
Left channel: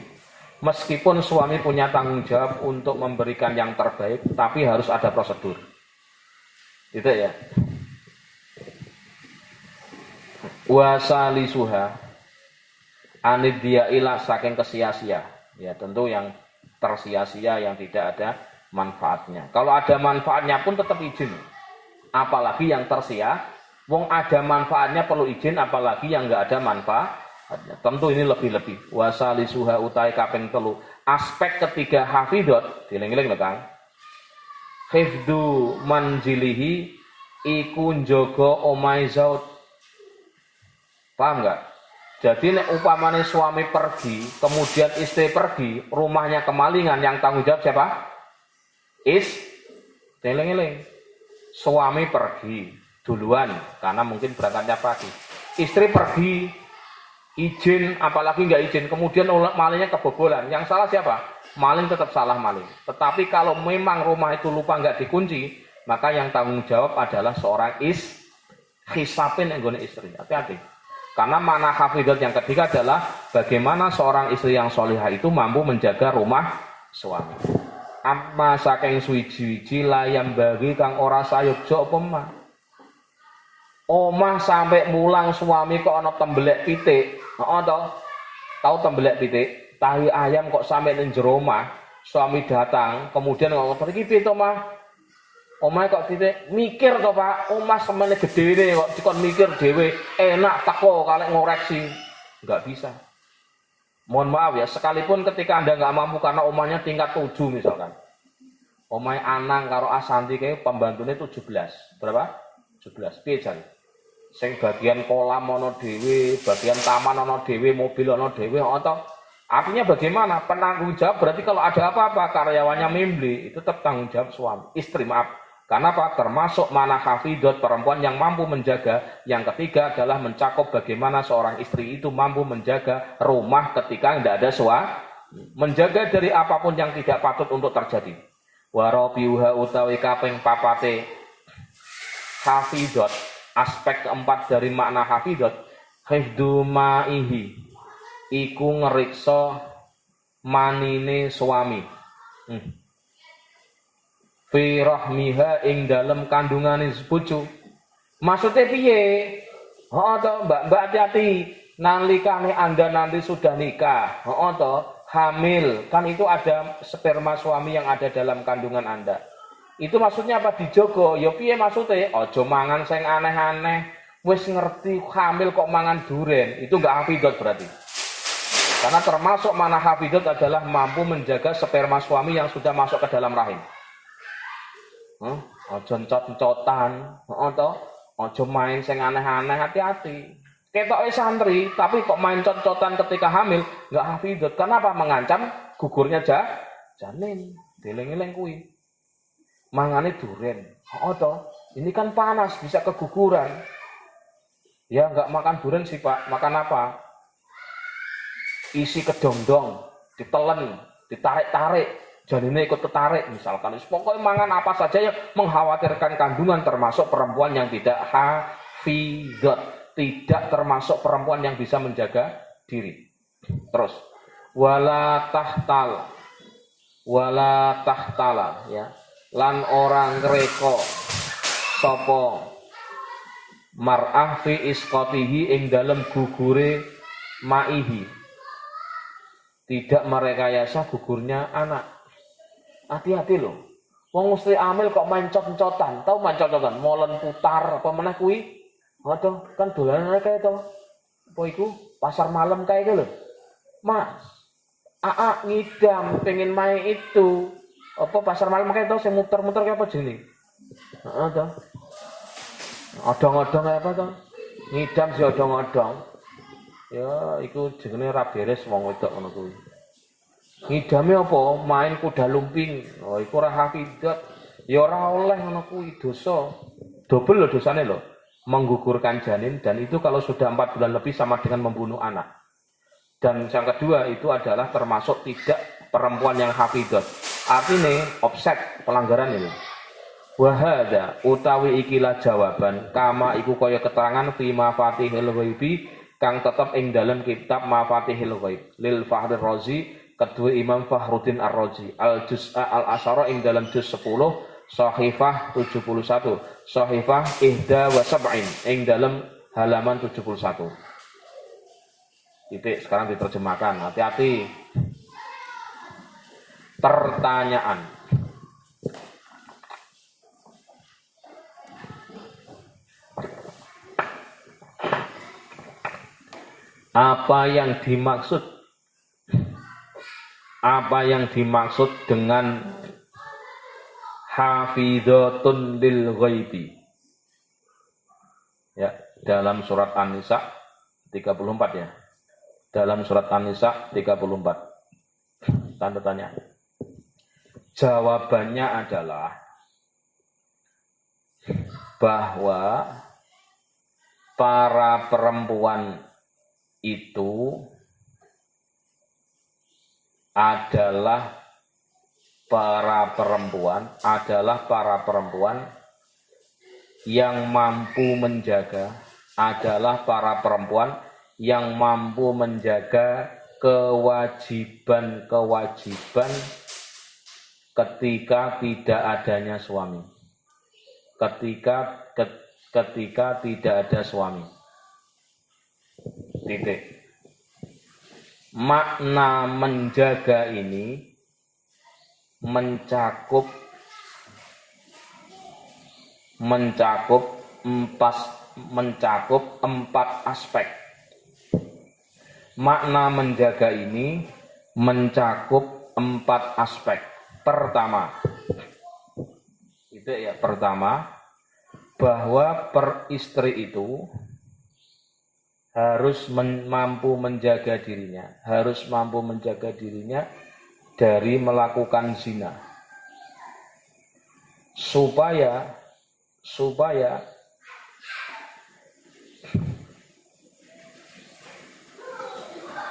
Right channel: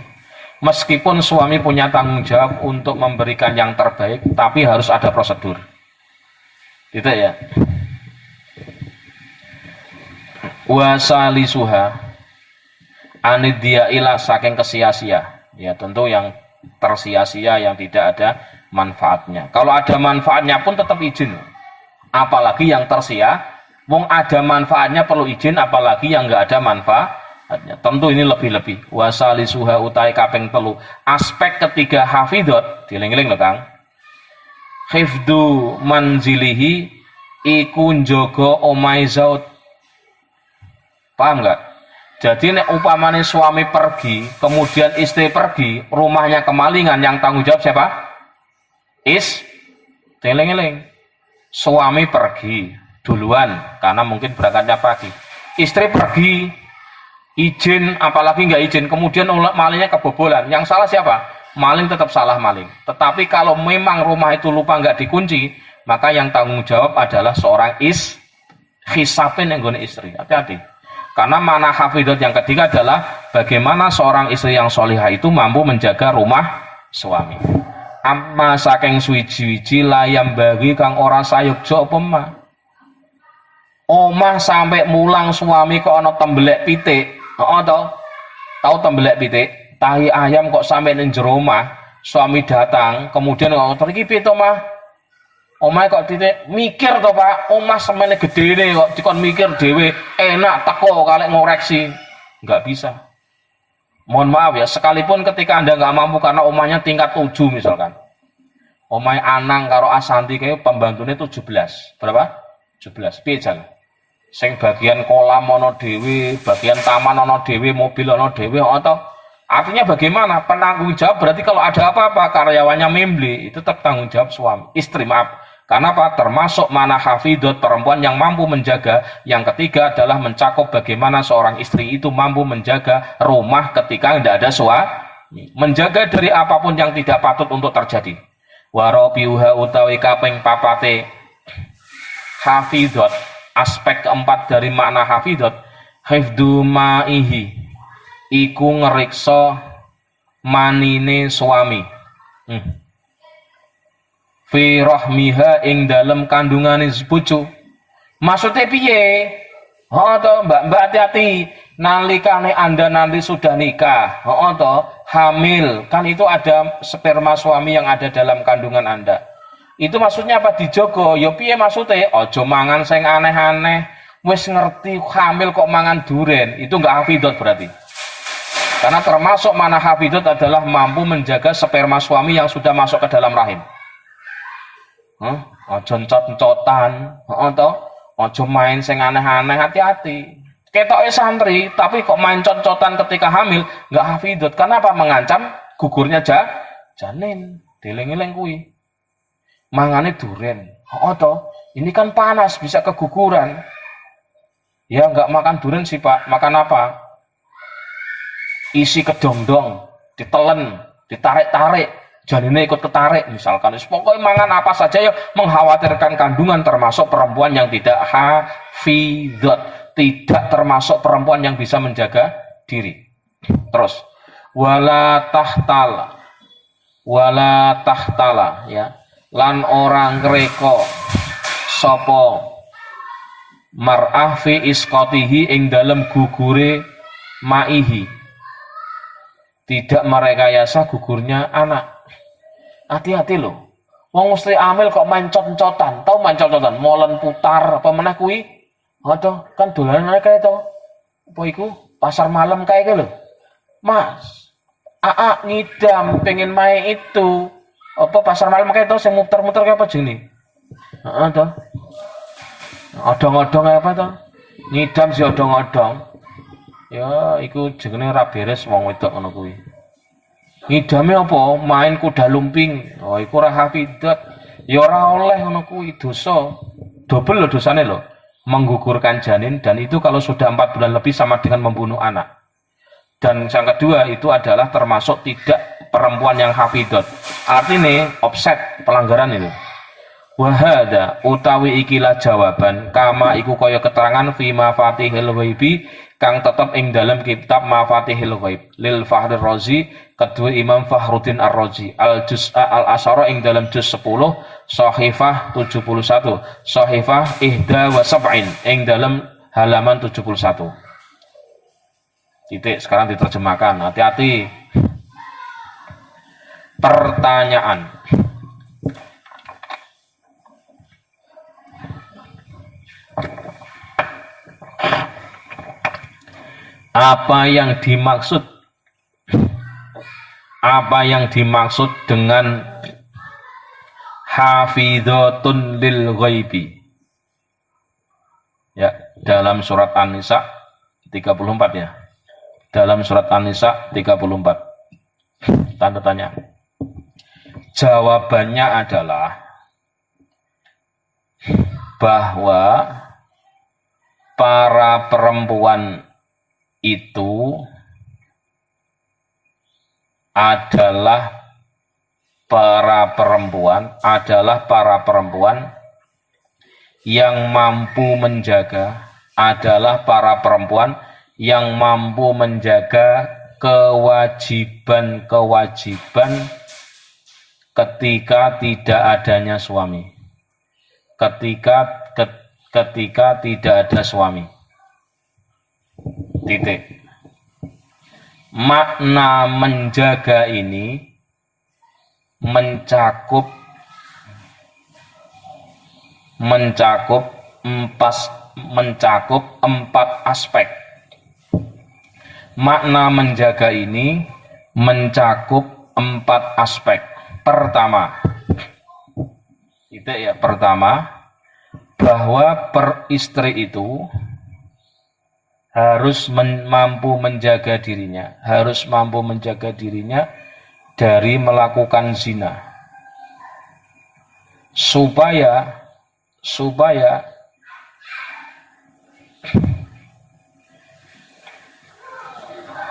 Meskipun suami punya tanggung jawab untuk memberikan yang terbaik, tapi harus ada prosedur. Gitu ya. Wasalisuha anidyailah saking kesia-sia, ya tentu yang tersia-sia yang tidak ada manfaatnya. Kalau ada manfaatnya pun tetap izin, apalagi yang tersia. Wong ada manfaatnya perlu izin, apalagi yang nggak ada manfaatnya. Tentu ini lebih-lebih. Wasalisuha utai kaping telu. Aspek ketiga hafidhot, dieling-eling lho Kang. Hifdzu manzilihi iku njaga omahe zaud. Paham nggak? Jadi nek upamane suami pergi, kemudian istri pergi, rumahnya kemalingan, yang tanggung jawab siapa? Eling-eling. Suami pergi duluan karena mungkin berangkatnya pagi. Istri pergi, izin, apalagi nggak izin, kemudian malingnya kebobolan. Yang salah siapa? Maling tetap salah maling. Tetapi kalau memang rumah itu lupa nggak dikunci, maka yang tanggung jawab adalah seorang hisapin yang guna istri. Hati-hati. Karena makna hafidhot yang ketiga adalah bagaimana seorang istri yang solihah itu mampu menjaga rumah suami. Amma saking suwiji-wiji layam bagi kang ora sayukja apa mah. Omah sampai mulang suami kok ana tembelek pitik. Tahu tembelek pitik? Tahi ayam kok sampai ning jero omah, suami datang, kemudian kok iki piye to mah? Omahe kok titik mikir to Pak, omah semene gedene kok dikon mikir dhewe, enak teko kalek ngoreksi. Enggak bisa. Mohon maaf ya, sekalipun ketika Anda nggak mampu karena omahnya tingkat 7 misalkan. Omahe Anang karo Asanti kayak pembantune 17. Berapa? 17. Piye jan? Sing bagian kolam ana dhewe, bagian taman ana dhewe, mobil ana dhewe atau artinya bagaimana? Penanggung jawab berarti kalau ada apa-apa karyawannya membeli, itu tetap tanggung jawab suami, istri maaf. Karena apa? Termasuk mana hafidhot perempuan yang mampu menjaga. Yang ketiga adalah mencakup bagaimana seorang istri itu mampu menjaga rumah ketika tidak ada suami. Menjaga dari apapun yang tidak patut untuk terjadi. Warabiuha utawi kaping papate hafidhot. Aspek keempat dari makna hafidhot. Hifdzu ma'ihi. Iku ngeriksa manine suami. Fi rahmiha ing dalem kandungane bojo. Maksudnya piye? Mbak hati-hati. nalikane Anda nanti sudah nikah, hamil, kan itu ada sperma suami yang ada dalam kandungan Anda. Itu maksudnya apa? Dijogo. Ya piye maksudnya? Ojo mangan sing aneh-aneh. Wis ngerti hamil kok mangan duren. Itu enggak hafidot berarti. Karena termasuk mana hafidot adalah mampu menjaga sperma suami yang sudah masuk ke dalam rahim. Ojo encot-encotan, ojo main sing aneh-aneh, hati-hati. Ketoknya santri, tapi kok main cot-cotan ketika hamil, nggak hafidot. Karena apa? Mengancam gugurnya janin. Dileng-eleng kui. Mangane duren. Ini kan panas, bisa keguguran. Ya nggak makan duren sih Pak. Makan apa? Isi kedongdong, ditelen, ditarik-tarik. Janinnya ikut ketarik misalkan. Pokoknya mangan apa saja yang mengkhawatirkan kandungan, termasuk perempuan yang tidak hafidot. Tidak termasuk perempuan yang bisa menjaga diri. Terus wala tahtala ya, lan orang ngreka sapa mar'ah fi isqatihi ing dalem gugure maihi. Tidak merekayasa gugurnya anak. Hati-hati loh. Wong mesti amil kok main cot-cotan. Tahu main cot-cotan? Molen putar apa meneh kuwi? Kan dolanan kayak itu. Apa iku? Pasar malam kayak gitu loh. Mas, ngidam pengen main itu. Apa pasar malam kayak itu, saya muter-muter kayak apa jenis? Odong-odong kayak apa tuh? Ngidam si odong-odong. Ya, iku jenenge ra beres wong wedok ngono kuwi. Ngidame apa? Main kuda lumping. Iku ra hafidot. Ya ora oleh ngono kuwi, dosa. Dobel lho dosane lho. Menggugurkan janin, dan itu kalau sudah 4 bulan lebih sama dengan membunuh anak. Dan yang kedua itu adalah termasuk tidak perempuan yang hafidot. Artinya offset pelanggaran itu. Wahada utawi ikilah jawaban kama iku kaya keterangan fi mafatihil ghaibi kang tetep ing dalam kitab mafatihil ghaib lil Fahri Razi kedua Imam Fahruddin Ar-Razi al juz'a al asyara ing dalam juz 10 Sahifah 71, Sahifah ihda wa sab'in ing dalam halaman 71. Titik, sekarang diterjemahkan. Hati-hati. Pertanyaan. Apa yang dimaksud dengan hafidhatun lil ghaibi? Ya, dalam surat An-Nisa 34 ya. Dalam surat An-Nisa 34. Tanda tanya. Jawabannya adalah bahwa para perempuan itu adalah para perempuan yang mampu menjaga, kewajiban-kewajiban ketika tidak adanya suami. Ketika tidak ada suami. Titik. Makna menjaga ini mencakup empat aspek. Makna menjaga ini mencakup 4 aspek. Pertama, bahwa peristri itu harus mampu menjaga dirinya dari melakukan zina, supaya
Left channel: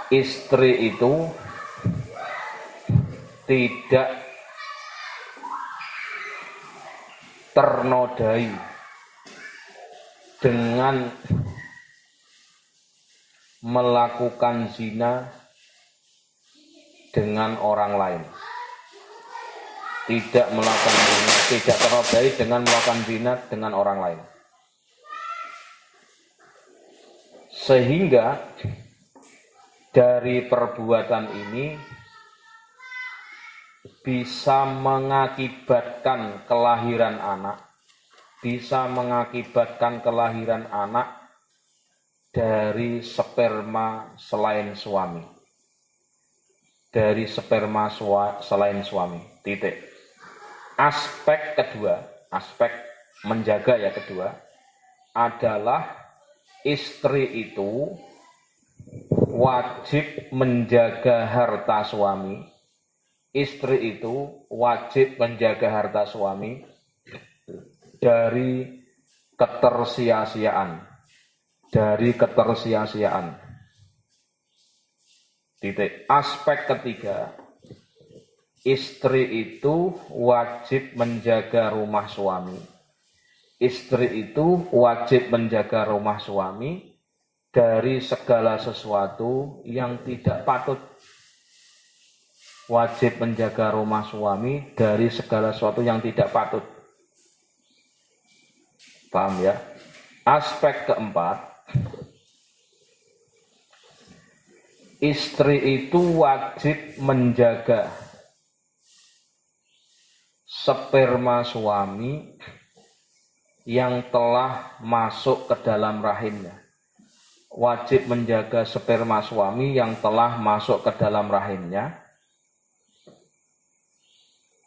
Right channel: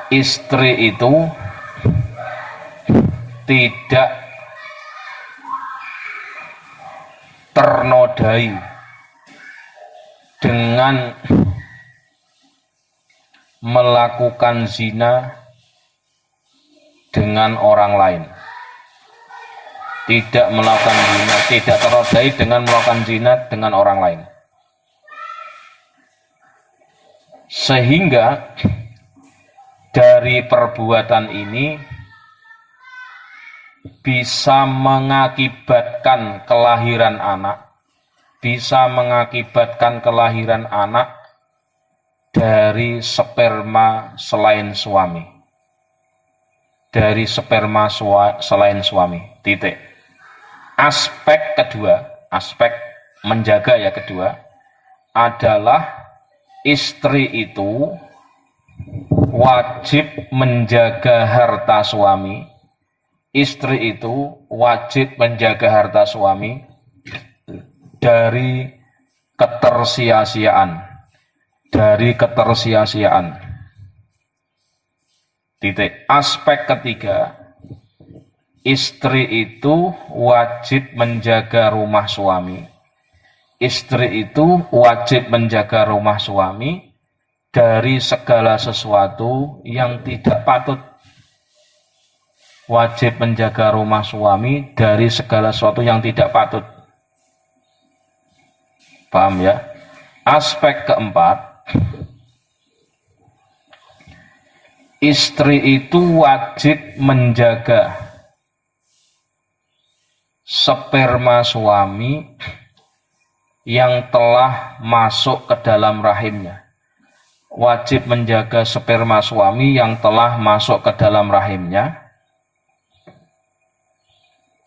istri itu tidak ternodai dengan melakukan zina dengan orang lain. Tidak ternodai dengan melakukan zina dengan orang lain. Sehingga dari perbuatan ini bisa mengakibatkan kelahiran anak, dari sperma selain suami. Titik. Aspek kedua, aspek menjaga ya kedua, adalah istri itu wajib menjaga harta suami. Istri itu wajib menjaga harta suami dari ketersia-siaan. Titik. Aspek ketiga, istri itu wajib menjaga rumah suami. Istri itu wajib menjaga rumah suami dari segala sesuatu yang tidak patut. Wajib menjaga rumah suami dari segala sesuatu yang tidak patut. Paham ya? Aspek keempat, istri itu wajib menjaga sperma suami yang telah masuk ke dalam rahimnya. Wajib menjaga sperma suami yang telah masuk ke dalam rahimnya,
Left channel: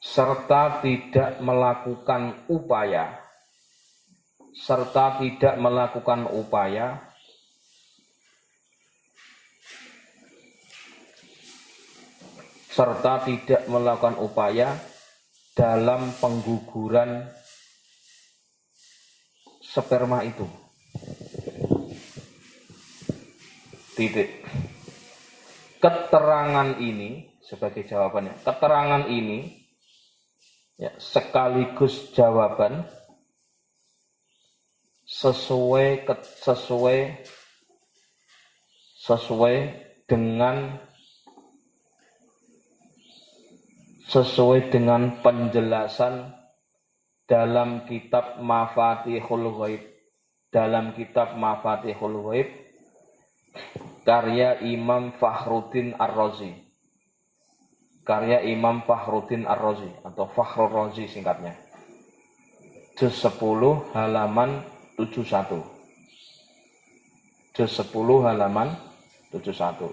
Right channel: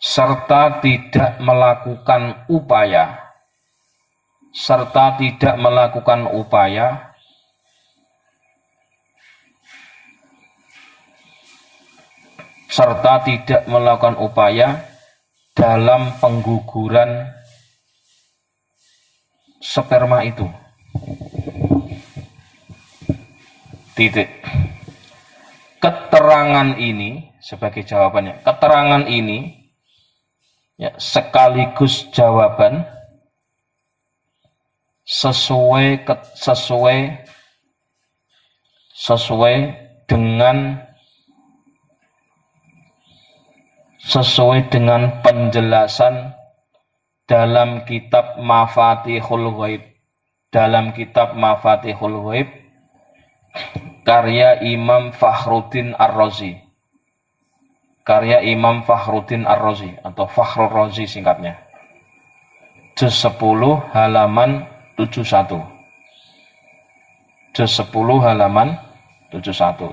serta tidak melakukan upaya dalam pengguguran sperma itu. Titik. Keterangan ini sebagai jawabannya. Keterangan ini ya, sekaligus jawaban sesuai dengan penjelasan dalam kitab Mafatihul Ghaib. Karya Imam Fakhruddin Ar-Razi. Atau Fakhrur Razi singkatnya. Juz 10 halaman 71.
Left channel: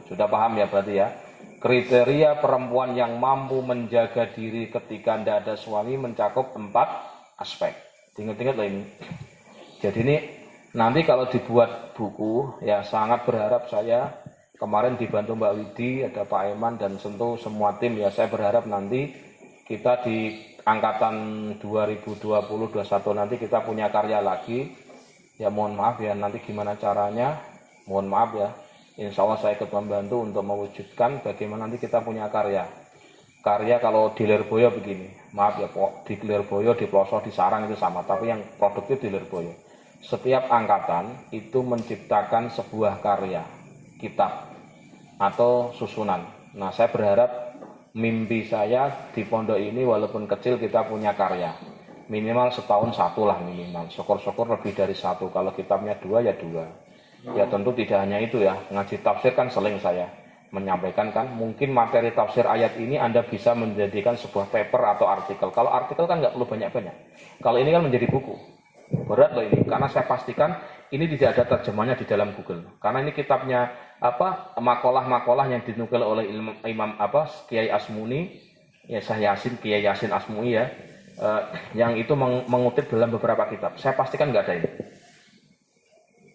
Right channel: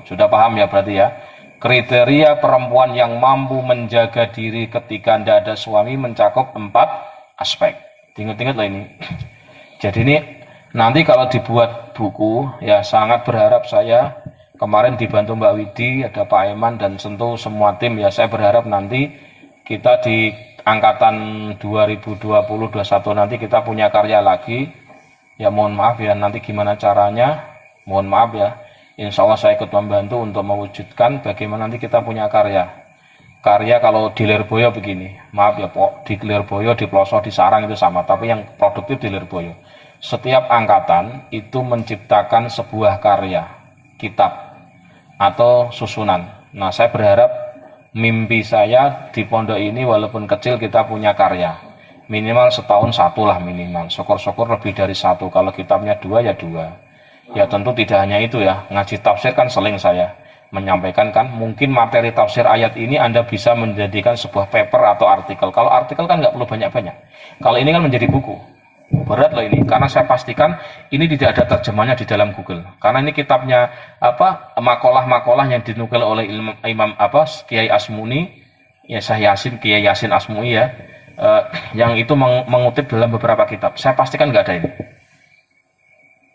Sudah paham ya berarti ya? Kriteria perempuan yang mampu menjaga diri ketika tidak ada suami mencakup 4 aspek. Ingat-ingat lah ini. Jadi ini nanti kalau dibuat buku, ya sangat berharap saya kemarin dibantu Mbak Widi, ada Pak Eman dan tentu semua tim, ya saya berharap nanti kita di angkatan 2020-21 nanti kita punya karya lagi. Ya mohon maaf ya nanti gimana caranya, mohon maaf ya. Insya Allah saya ikut membantu untuk mewujudkan bagaimana nanti kita punya karya. Karya kalau di Lirboyo begini, maaf ya Pok, di Lirboyo, di Ploso, di Sarang itu sama, tapi yang produktif di Lirboyo. Setiap angkatan itu menciptakan sebuah karya, kitab, atau susunan. Nah saya berharap mimpi saya di pondok ini walaupun kecil kita punya karya. Minimal setahun satu lah minimal, syukur-syukur lebih dari satu. Kalau kitabnya 2 ya 2. Ya tentu tidak hanya itu ya, ngaji tafsir kan seling saya menyampaikan kan, mungkin materi tafsir ayat ini Anda bisa menjadikan sebuah paper atau artikel. Kalau artikel kan nggak perlu banyak-banyak. Kalau ini kan menjadi buku. Berat loh ini, karena saya pastikan ini tidak ada terjemahnya di dalam Google. Karena ini kitabnya makalah-makalah yang dinukil oleh Imam Kiai Asmuni, ya Syekh Yasin, Kiai Yasin Asmuni ya, yang itu mengutip dalam beberapa kitab. Saya pastikan nggak ada ini.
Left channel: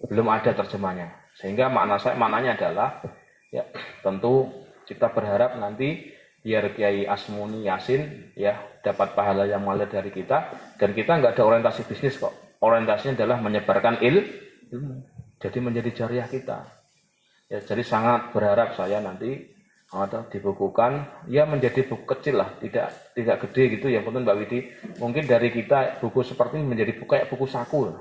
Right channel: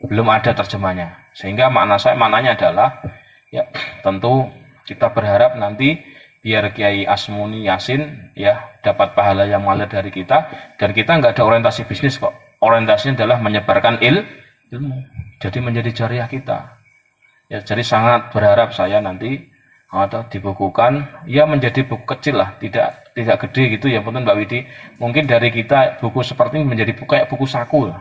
Belum ada terjemahnya. Sehingga maknanya adalah ya tentu kita berharap nanti biar Kiai Asmuni Yasin ya dapat pahala yang mengalir dari kita, dan kita nggak ada orientasi bisnis kok. Orientasinya adalah menyebarkan ilmu. Jadi menjadi jariah kita. Ya jadi sangat berharap saya nanti atau dibukukan ya menjadi buku kecil lah, tidak gede gitu ya penting Mbak Widi. Mungkin dari kita buku seperti ini menjadi kayak buku saku lah.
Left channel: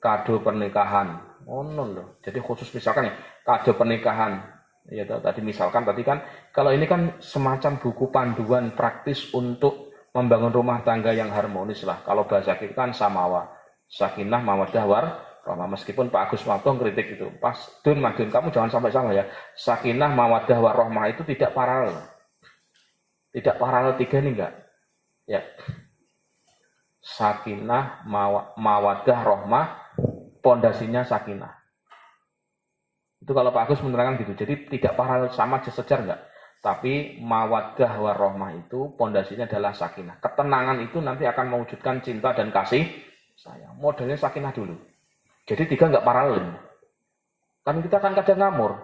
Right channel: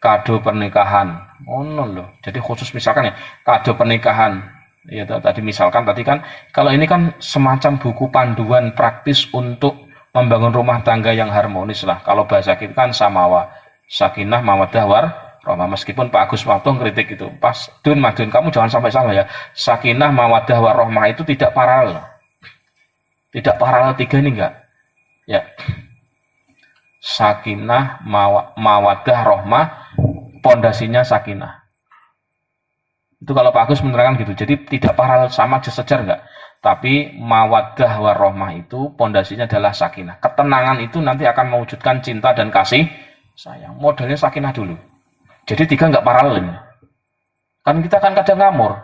Kado pernikahan, loh. Jadi khusus misalkan ya kado pernikahan, ya tadi misalkan tadi kan kalau ini kan semacam buku panduan praktis untuk membangun rumah tangga yang harmonis lah. Kalau bahasa kita kan samawa, sakinah, mawaddah, rahmah. Meskipun Pak Agus Maftuh kritik itu, pas Madun, kamu jangan sampai salah ya. Sakinah, mawaddah, warahmah itu tidak paralel. Tidak paralel tiga ini enggak. Ya. Sakinah, mawaddah, rahmah, pondasinya sakinah. Itu kalau Pak Agus menerangkan gitu. Jadi tidak paralel, sama sejajar enggak. Tapi mawaddah warahmah itu pondasinya adalah sakinah. Ketenangan itu nanti akan mewujudkan cinta dan kasih sayang. Modelnya sakinah dulu. Jadi tiga enggak paralel. Kan kita kan kadang ngamur.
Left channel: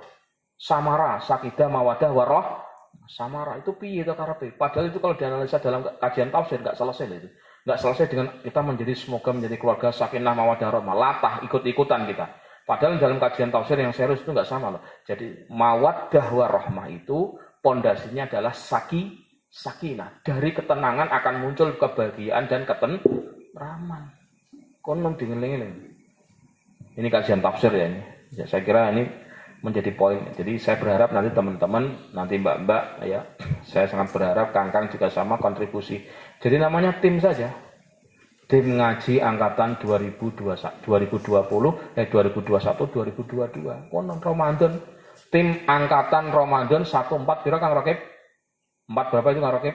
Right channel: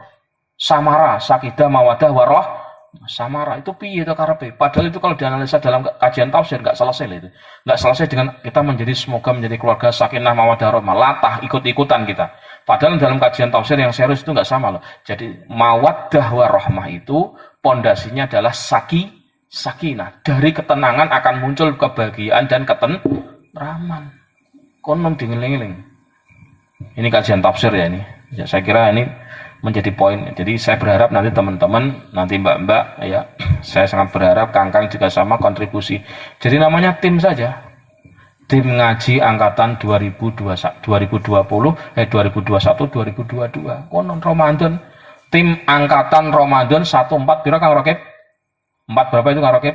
Samara, sakidah, mawadah, warah. Samara itu piye itu karepe? Padahal itu kalau dianalisa dalam kajian tafsir enggak selesai itu. Enggak selesai dengan kita semoga menjadi keluarga sakinah, mawadah, rahmah. Latah ikut-ikutan kita. Padahal dalam kajian tafsir yang serius itu enggak sama loh. Jadi mawaddah warahmah itu pondasinya adalah sakinah. Dari ketenangan akan muncul kebahagiaan dan ketentraman. Konon dingeling-eling. Ini kajian tafsir ya ini. Ya, saya kira ini menjadi poin. Jadi saya berharap nanti teman-teman, nanti mbak-mbak ya, saya sangat berharap Kangkang juga sama kontribusi. Jadi namanya tim saja. Tim ngaji angkatan 2021, 2022. Konon Ramadan. Tim angkatan Ramadan 14 pira Kang Rakib? 4 berapa itu Kang Rakib?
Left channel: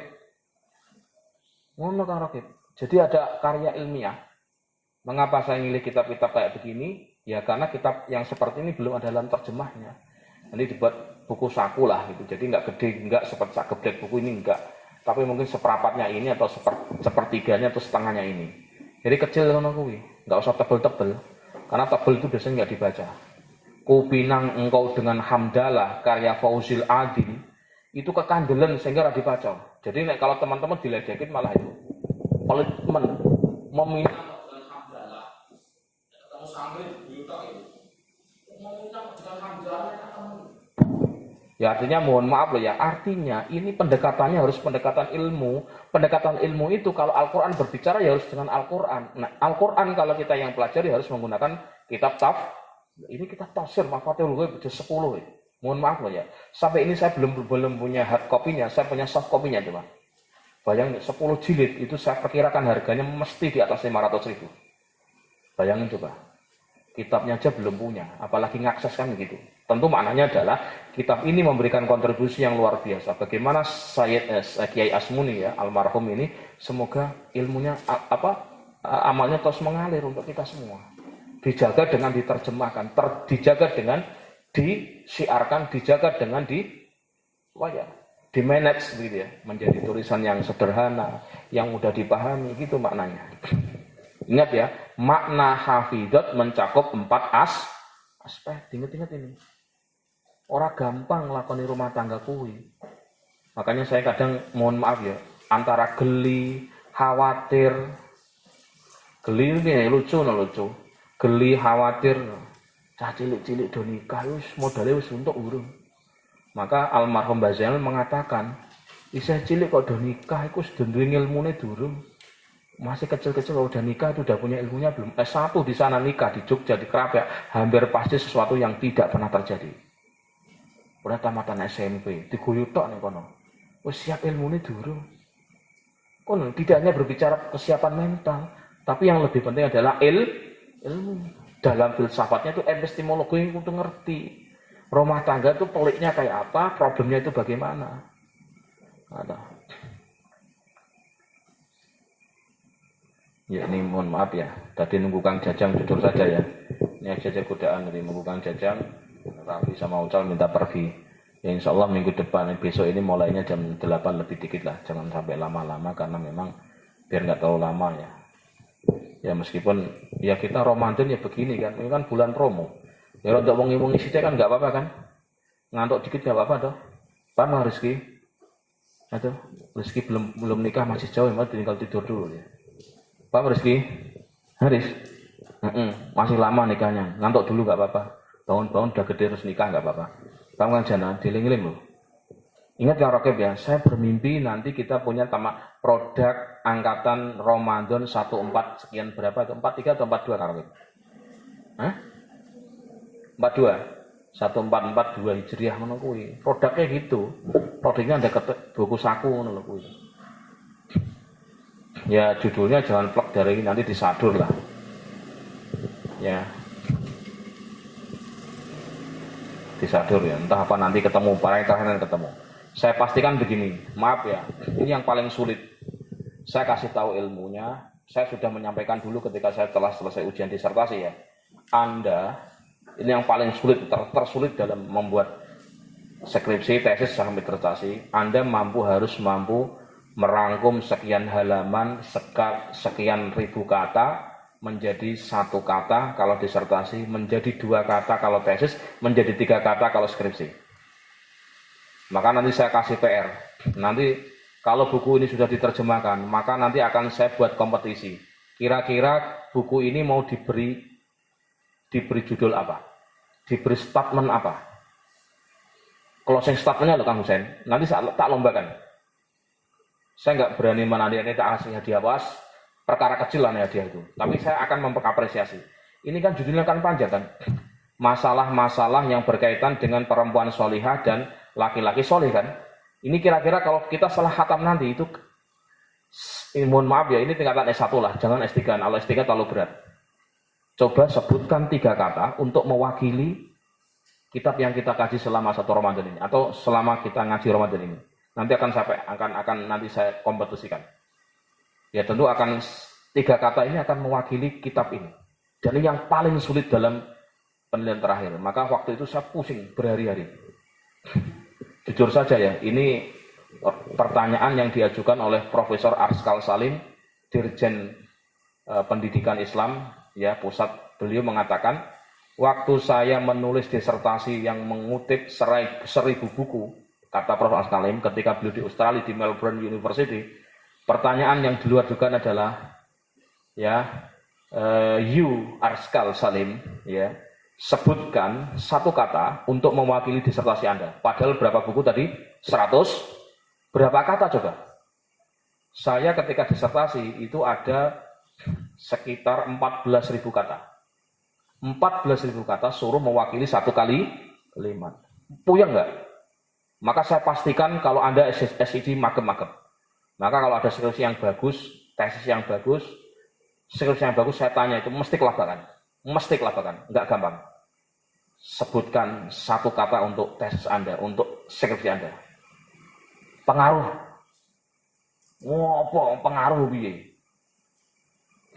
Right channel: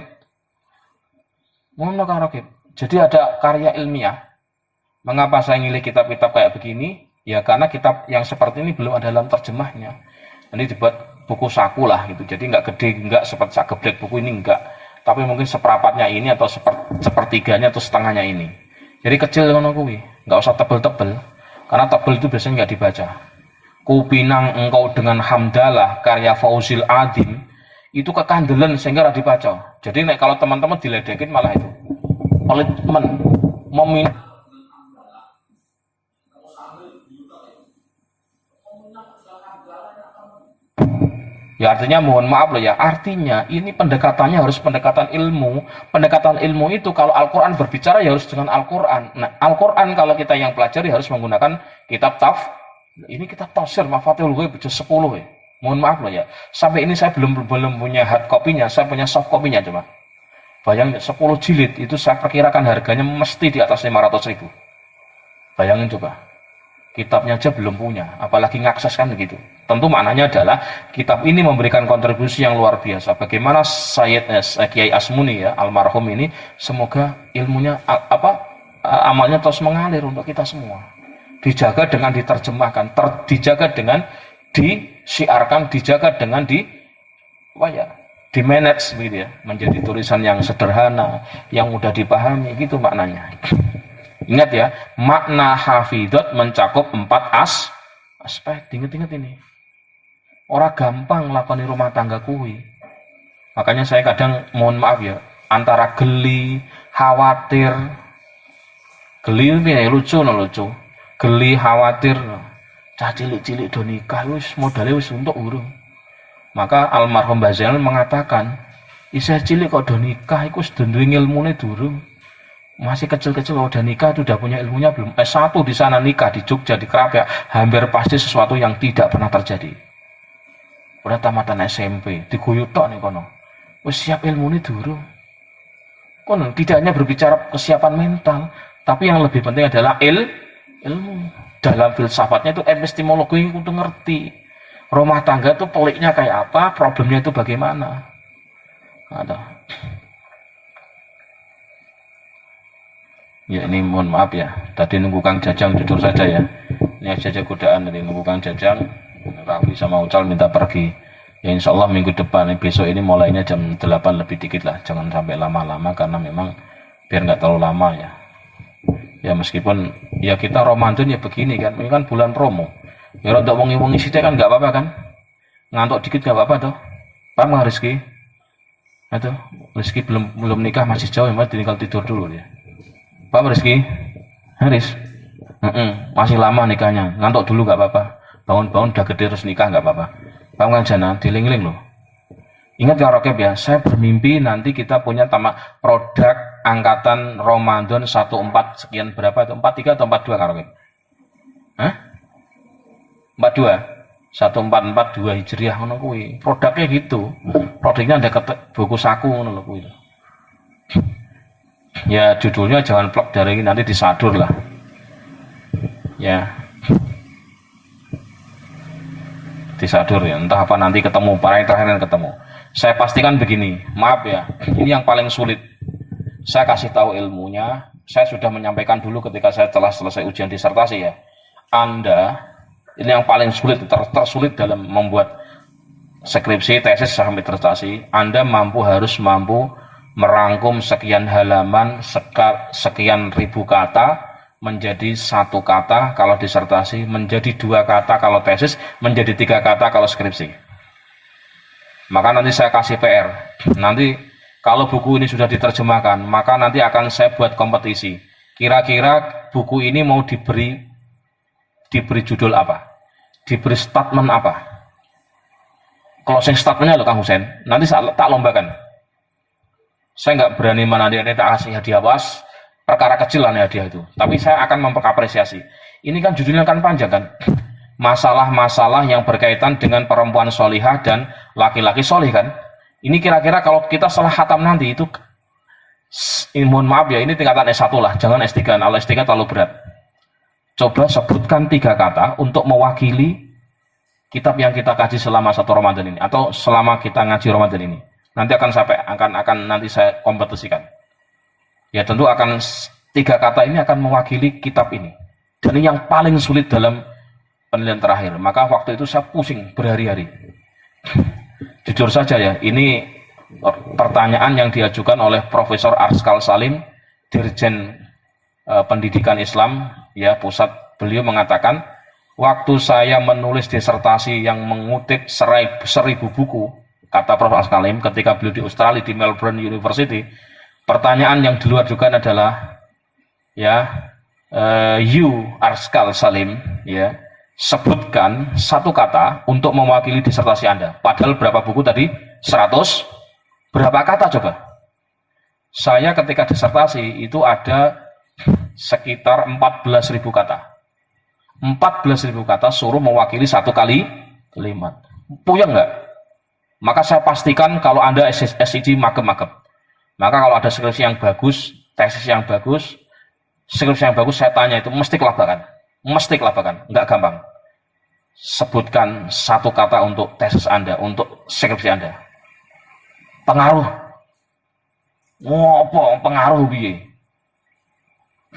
Ngono Kang Rakib. Jadi ada karya ilmiah. Mengapa saya milih kitab-kitab kayak begini? Ya karena kitab yang seperti ini belum ada dalam terjemahnya. Nanti dibuat buku saku lah gitu. Jadi enggak gede, enggak seperti sageblek buku ini enggak. Tapi mungkin seperempatnya ini atau sepertiganya atau setengahnya ini. Jadi kecil ngono kuwi, enggak usah tebel-tebel. Karena tebel itu biasanya enggak dibaca. Kupinang engkau dengan hamdalah karya Fauzil Adim itu kekandelan sehingga ora dibaca. Jadi nek kalau teman-teman diledekin malah itu pelit men meminta ya artinya mohon maaf loh ya, artinya ini pendekatannya harus pendekatan ilmu. Pendekatan ilmu itu kalau Al-Quran berbicara ya harus dengan Al-Quran. Nah Al-Quran kalau kita yang pelajari harus menggunakan kitab ini kitab tafsir Mafatihul Ghaib 10 ya. Mohon maaf loh ya. Sampai ini saya belum punya hard copy-nya, saya punya soft copy-nya coba. Bayangin 10 jilid itu saya perkirakan harganya mesti di atas 500.000. Bayangin coba. Kitabnya aja belum punya, apalagi ngakses kan begitu. Tentu maknanya adalah kitab ini memberikan kontribusi yang luar biasa. Bagaimana Sayyid Kiai Asmuni ya, almarhum ini, semoga ilmunya amalnya terus mengalir untuk kita semua. Dijaga dengan diterjemahkan, dijaga dengan disiarkan, dijaga dengan di-manage begitu ya, menjadi tulisan yang sederhana, yang mudah dipahami gitu maknanya. Ingat ya, makna hafidot mencakup 4 aspek. Ingat ini. Orang gampang lakoni rumah tangga kuwi. Makanya saya kadang mohon maaf ya, antara geli, khawatir. Geli ini lucu. Geli, khawatir. Cah cilik-cilik do nikah wis modale wis untuk urung. Maka almarhum Mbah Zainal mengatakan, isih cilik kok do nikah iku wis duwe ilmune durung. Masih kecil-kecil udah nikah itu udah punya ilmunya belum. S1 di sana nikah di Jogja di Krapyak, hampir pasti sesuatu yang tidak pernah terjadi. Udah tamatan SMP, diguyu tok nih kono. Wis siap ilmune durung. Kono tidak hanya berbicara kesiapan mental, tapi yang lebih penting adalah ilmu. Dalam filsafatnya itu epistemologi itu ngerti. Rumah tangga itu peliknya kayak apa, problemnya itu bagaimana. Ada. Ya ini mohon maaf ya, tadi nunggu Kang Jajang jujur saja ya. Ini saja godaan dari nunggu Kang Jajang, Raffi sama Ucal minta pergi. Ya insya Allah minggu depan, besok ini mulainya jam 8 lebih dikit lah, jangan sampai lama-lama karena memang biar nggak terlalu lama ya. Ya meskipun ya kita Ramadan ya begini kan, ini kan bulan promo. Ya untuk wengi-wengi sithik kan nggak apa-apa kan, ngantuk dikit nggak apa-apa toh. Paham nggak Rizky? Aduh, Rizky belum nikah masih jauh ya, mas tinggal tidur dulu ya. Paham Rizky? Haris? Masih lama nikahnya, ngantuk dulu nggak apa-apa. Bangun-bangun udah gede terus nikah nggak apa-apa. Paham kan Jana? Diling-ling loh. Ingat Kang Rakib ya, saya bermimpi nanti kita punya produk angkatan Ramadan 14 sekian berapa itu? 43 atau 42 Kang Rakib? Hah? 42? 1442 Hijriah ngono kuwi. Produknya gitu. Produknya ada buku saku ngono lho kuwi. Ya judulnya jangan plok dari nanti disadur lah. Ya, Disadur ya, entah apa nanti ketemu, para yang terakhir ketemu. Saya pastikan begini, maaf ya, ini yang paling sulit. Saya kasih tahu ilmunya, saya sudah menyampaikan dulu ketika saya telah selesai ujian disertasi ya. Anda, ini yang paling sulit, tersulit dalam membuat skripsi, tesis, sampai disertasi. Anda harus mampu merangkum sekian halaman, sekian ribu kata, menjadi satu kata kalau disertasi, menjadi dua kata kalau tesis, menjadi tiga kata kalau skripsi. Maka nanti saya kasih PR. Nanti kalau buku ini sudah diterjemahkan, maka nanti akan saya buat kompetisi. Kira-kira buku ini mau diberi judul apa? Diberi statement apa? Closing statementnya loh Kang Husen. Nanti saya tak lombakan. Saya nggak berani tak kasih hadiah was, perkara kecil lah hadiah itu. Tapi saya akan memperkapresiasi. Ini kan judulnya kan panjang kan? Masalah-masalah yang berkaitan dengan perempuan solihah dan laki-laki solih kan? Ini kira-kira kalau kita salah khatam nanti itu, mohon maaf ya, ini tingkatan S1 lah, jangan S3, kalau S3 terlalu berat. Coba sebutkan 3 kata untuk mewakili kitab yang kita kaji selama 1 Ramadan ini, atau selama kita ngaji Ramadan ini. Nanti akan nanti saya kompetisikan. Ya tentu akan 3 kata ini akan mewakili kitab ini. Dan ini yang paling sulit dalam penilaian terakhir. Maka waktu itu saya pusing berhari-hari. Jujur saja ya, ini pertanyaan yang diajukan oleh Profesor Arskal Salim, Dirjen Pendidikan Islam, ya pusat. Beliau mengatakan, waktu saya menulis disertasi yang mengutip 1000 buku, kata Prof. Arskal Salim, ketika beliau di Australia di Melbourne University, pertanyaan yang diajukan adalah, ya, you Arskal Salim, ya, sebutkan 1 kata untuk mewakili disertasi Anda. Padahal berapa buku tadi? 100. Berapa kata coba? Saya ketika disertasi itu ada sekitar 14.000 kata. 14.000 kata suruh mewakili 1 kalimat. Puyeng nggak? Maka saya pastikan kalau Anda SIG magep-magep. Maka kalau ada skripsi yang bagus, tesis yang bagus, skripsi yang bagus, saya tanya itu mesti kelabakan. Mesti kelabakan, nggak gampang. Sebutkan 1 kata untuk tesis Anda, untuk skripsi Anda. Pengaruh. Ngopo pengaruh piye?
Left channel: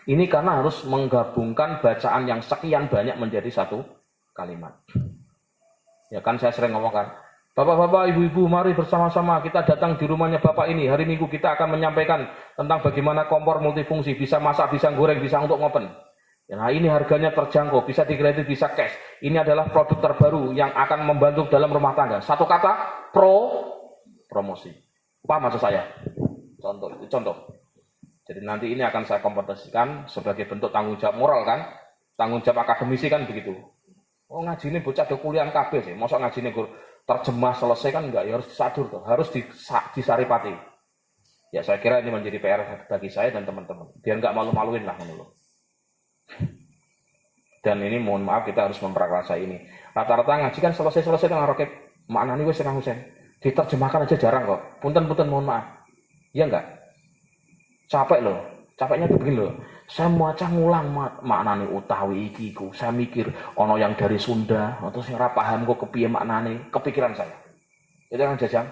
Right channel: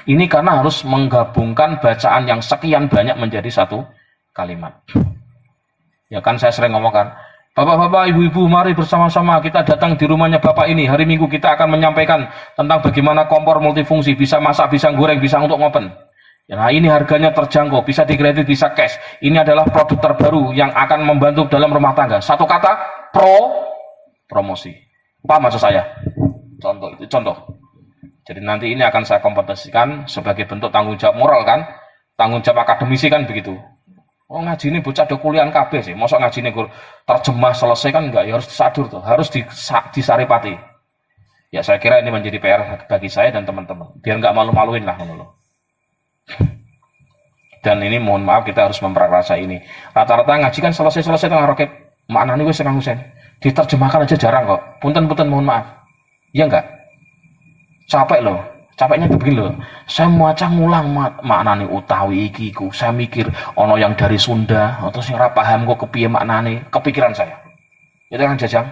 Ini karena harus menggabungkan bacaan yang sekian banyak menjadi 1 kalimat. Ya kan saya sering ngomongkan, Bapak-bapak, ibu-ibu, mari bersama-sama kita datang di rumahnya Bapak ini. Hari Minggu kita akan menyampaikan tentang bagaimana kompor multifungsi, bisa masak, bisa goreng, bisa untuk ngopen. Nah ini harganya terjangkau, bisa dikredit, bisa cash. Ini adalah produk terbaru yang akan membantu dalam rumah tangga. 1 kata, promosi. Paham maksud saya? Contoh. Jadi nanti ini akan saya kompetisikan sebagai bentuk tanggung jawab moral kan? Tanggung jawab akademisi kan begitu. Oh ngaji ini bocah do kuliah KB sih. Mosok ngaji ini terjemah selesai kan enggak? Ya harus disadur tuh, harus disaripati. Ya saya kira ini menjadi PR bagi saya dan teman-teman. Biar enggak malu-maluin lah menurut. Dan ini mohon maaf kita harus memperkasa ini. Rata-rata ngaji kan selesai tengah roket. Maknanya wis Kang Husen. Diterjemahkan aja jarang kok. Punten mohon maaf. Iya enggak? Capek loh. Capeknya begini loh. Saya maca ngulang maknanya utawi iki ku. Saya mikir ono yang dari Sunda atau sing ora paham kok kepiye maknane. Kepikiran saya. Itu kan Jajang.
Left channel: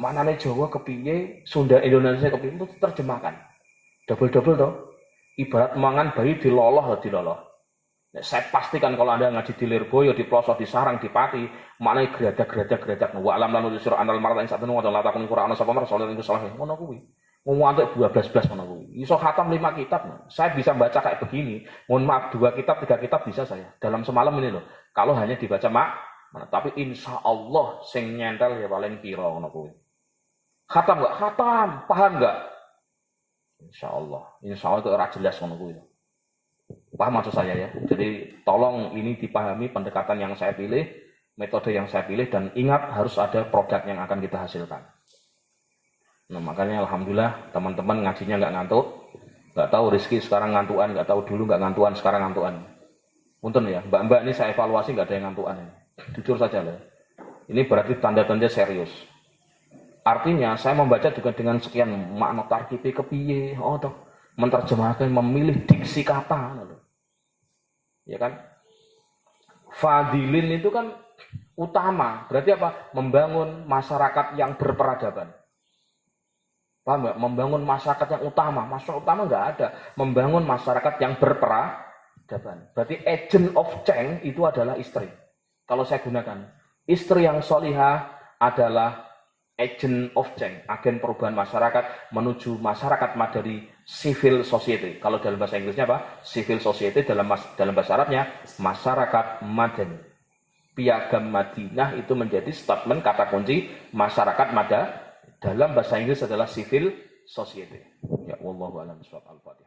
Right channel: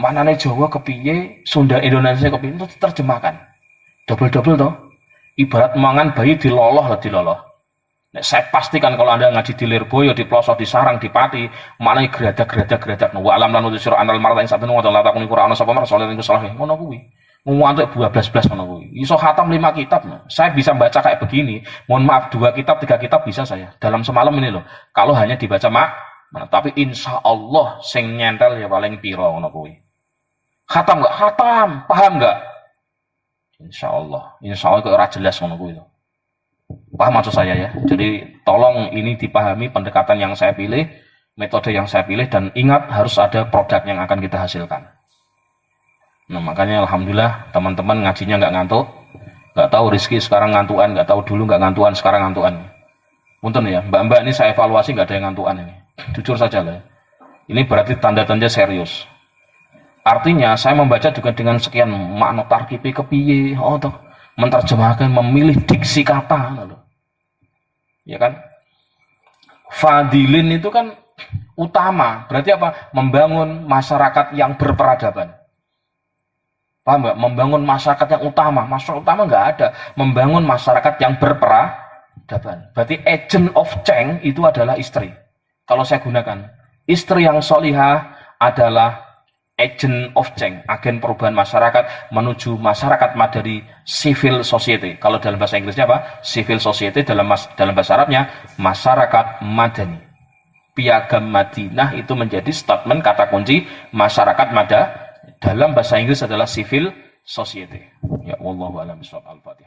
Maknane Jawa kepiye, Sunda Indonesia kepiye itu diterjemahkan. Double toh. Ibarat mangan bayi diloloh. Nah, saya pastikan kalau Anda ngaji di Lirboyo, di Pelosok, di Sarang, di Pati, maknanya geradak. Wa alam lan utusira anal martain satun wa la takuni qur'ana sapa rasulullah niku salah. Ngono kuwi. Ngantuk 12 ngono kuwi. Iso khatam 5 kitab. Saya bisa baca kayak begini. Mohon maaf 2 kitab, 3 kitab bisa saya. Dalam semalam ini loh. Kalau hanya dibaca tapi insya Allah sing nyentel ya paling piro ngono kuwi. Khatam enggak? Khatam. Paham enggak? Insya Allah kok ora jelas ngono kuwi. Paham maksud saya ya. Jadi tolong ini dipahami pendekatan yang saya pilih, metode yang saya pilih, dan ingat harus ada produk yang akan kita hasilkan. Nah makanya alhamdulillah teman-teman ngajinya nggak ngantuk, nggak tahu Rizky sekarang ngantuan, nggak tahu dulu nggak ngantuan, sekarang ngantuan. Punten ya, mbak-mbak ini saya evaluasi nggak ada yang ngantuan ini. Jujur saja lah. Ini berarti tanda-tanda serius. Artinya saya membaca juga dengan sekian makna tarkibi kepiye, toh menerjemahkan, memilih diksi kata, ya kan? Fadilin itu kan utama. Berarti apa? Membangun masyarakat yang berperadaban. Paham nggak? Membangun masyarakat yang utama. Masyarakat utama nggak ada. Membangun masyarakat yang berperadaban. Berarti agent of change itu adalah istri. Kalau saya gunakan, istri yang solihah adalah agent of change, agen perubahan masyarakat menuju masyarakat madani, civil society. Kalau dalam bahasa Inggrisnya apa? Civil society, dalam bahasa Arabnya masyarakat madani. Piagam Madinah itu menjadi statement kata kunci masyarakat dalam bahasa Inggris adalah civil society. Ya, wallahu a'lam bishawab. Al-Fatihah.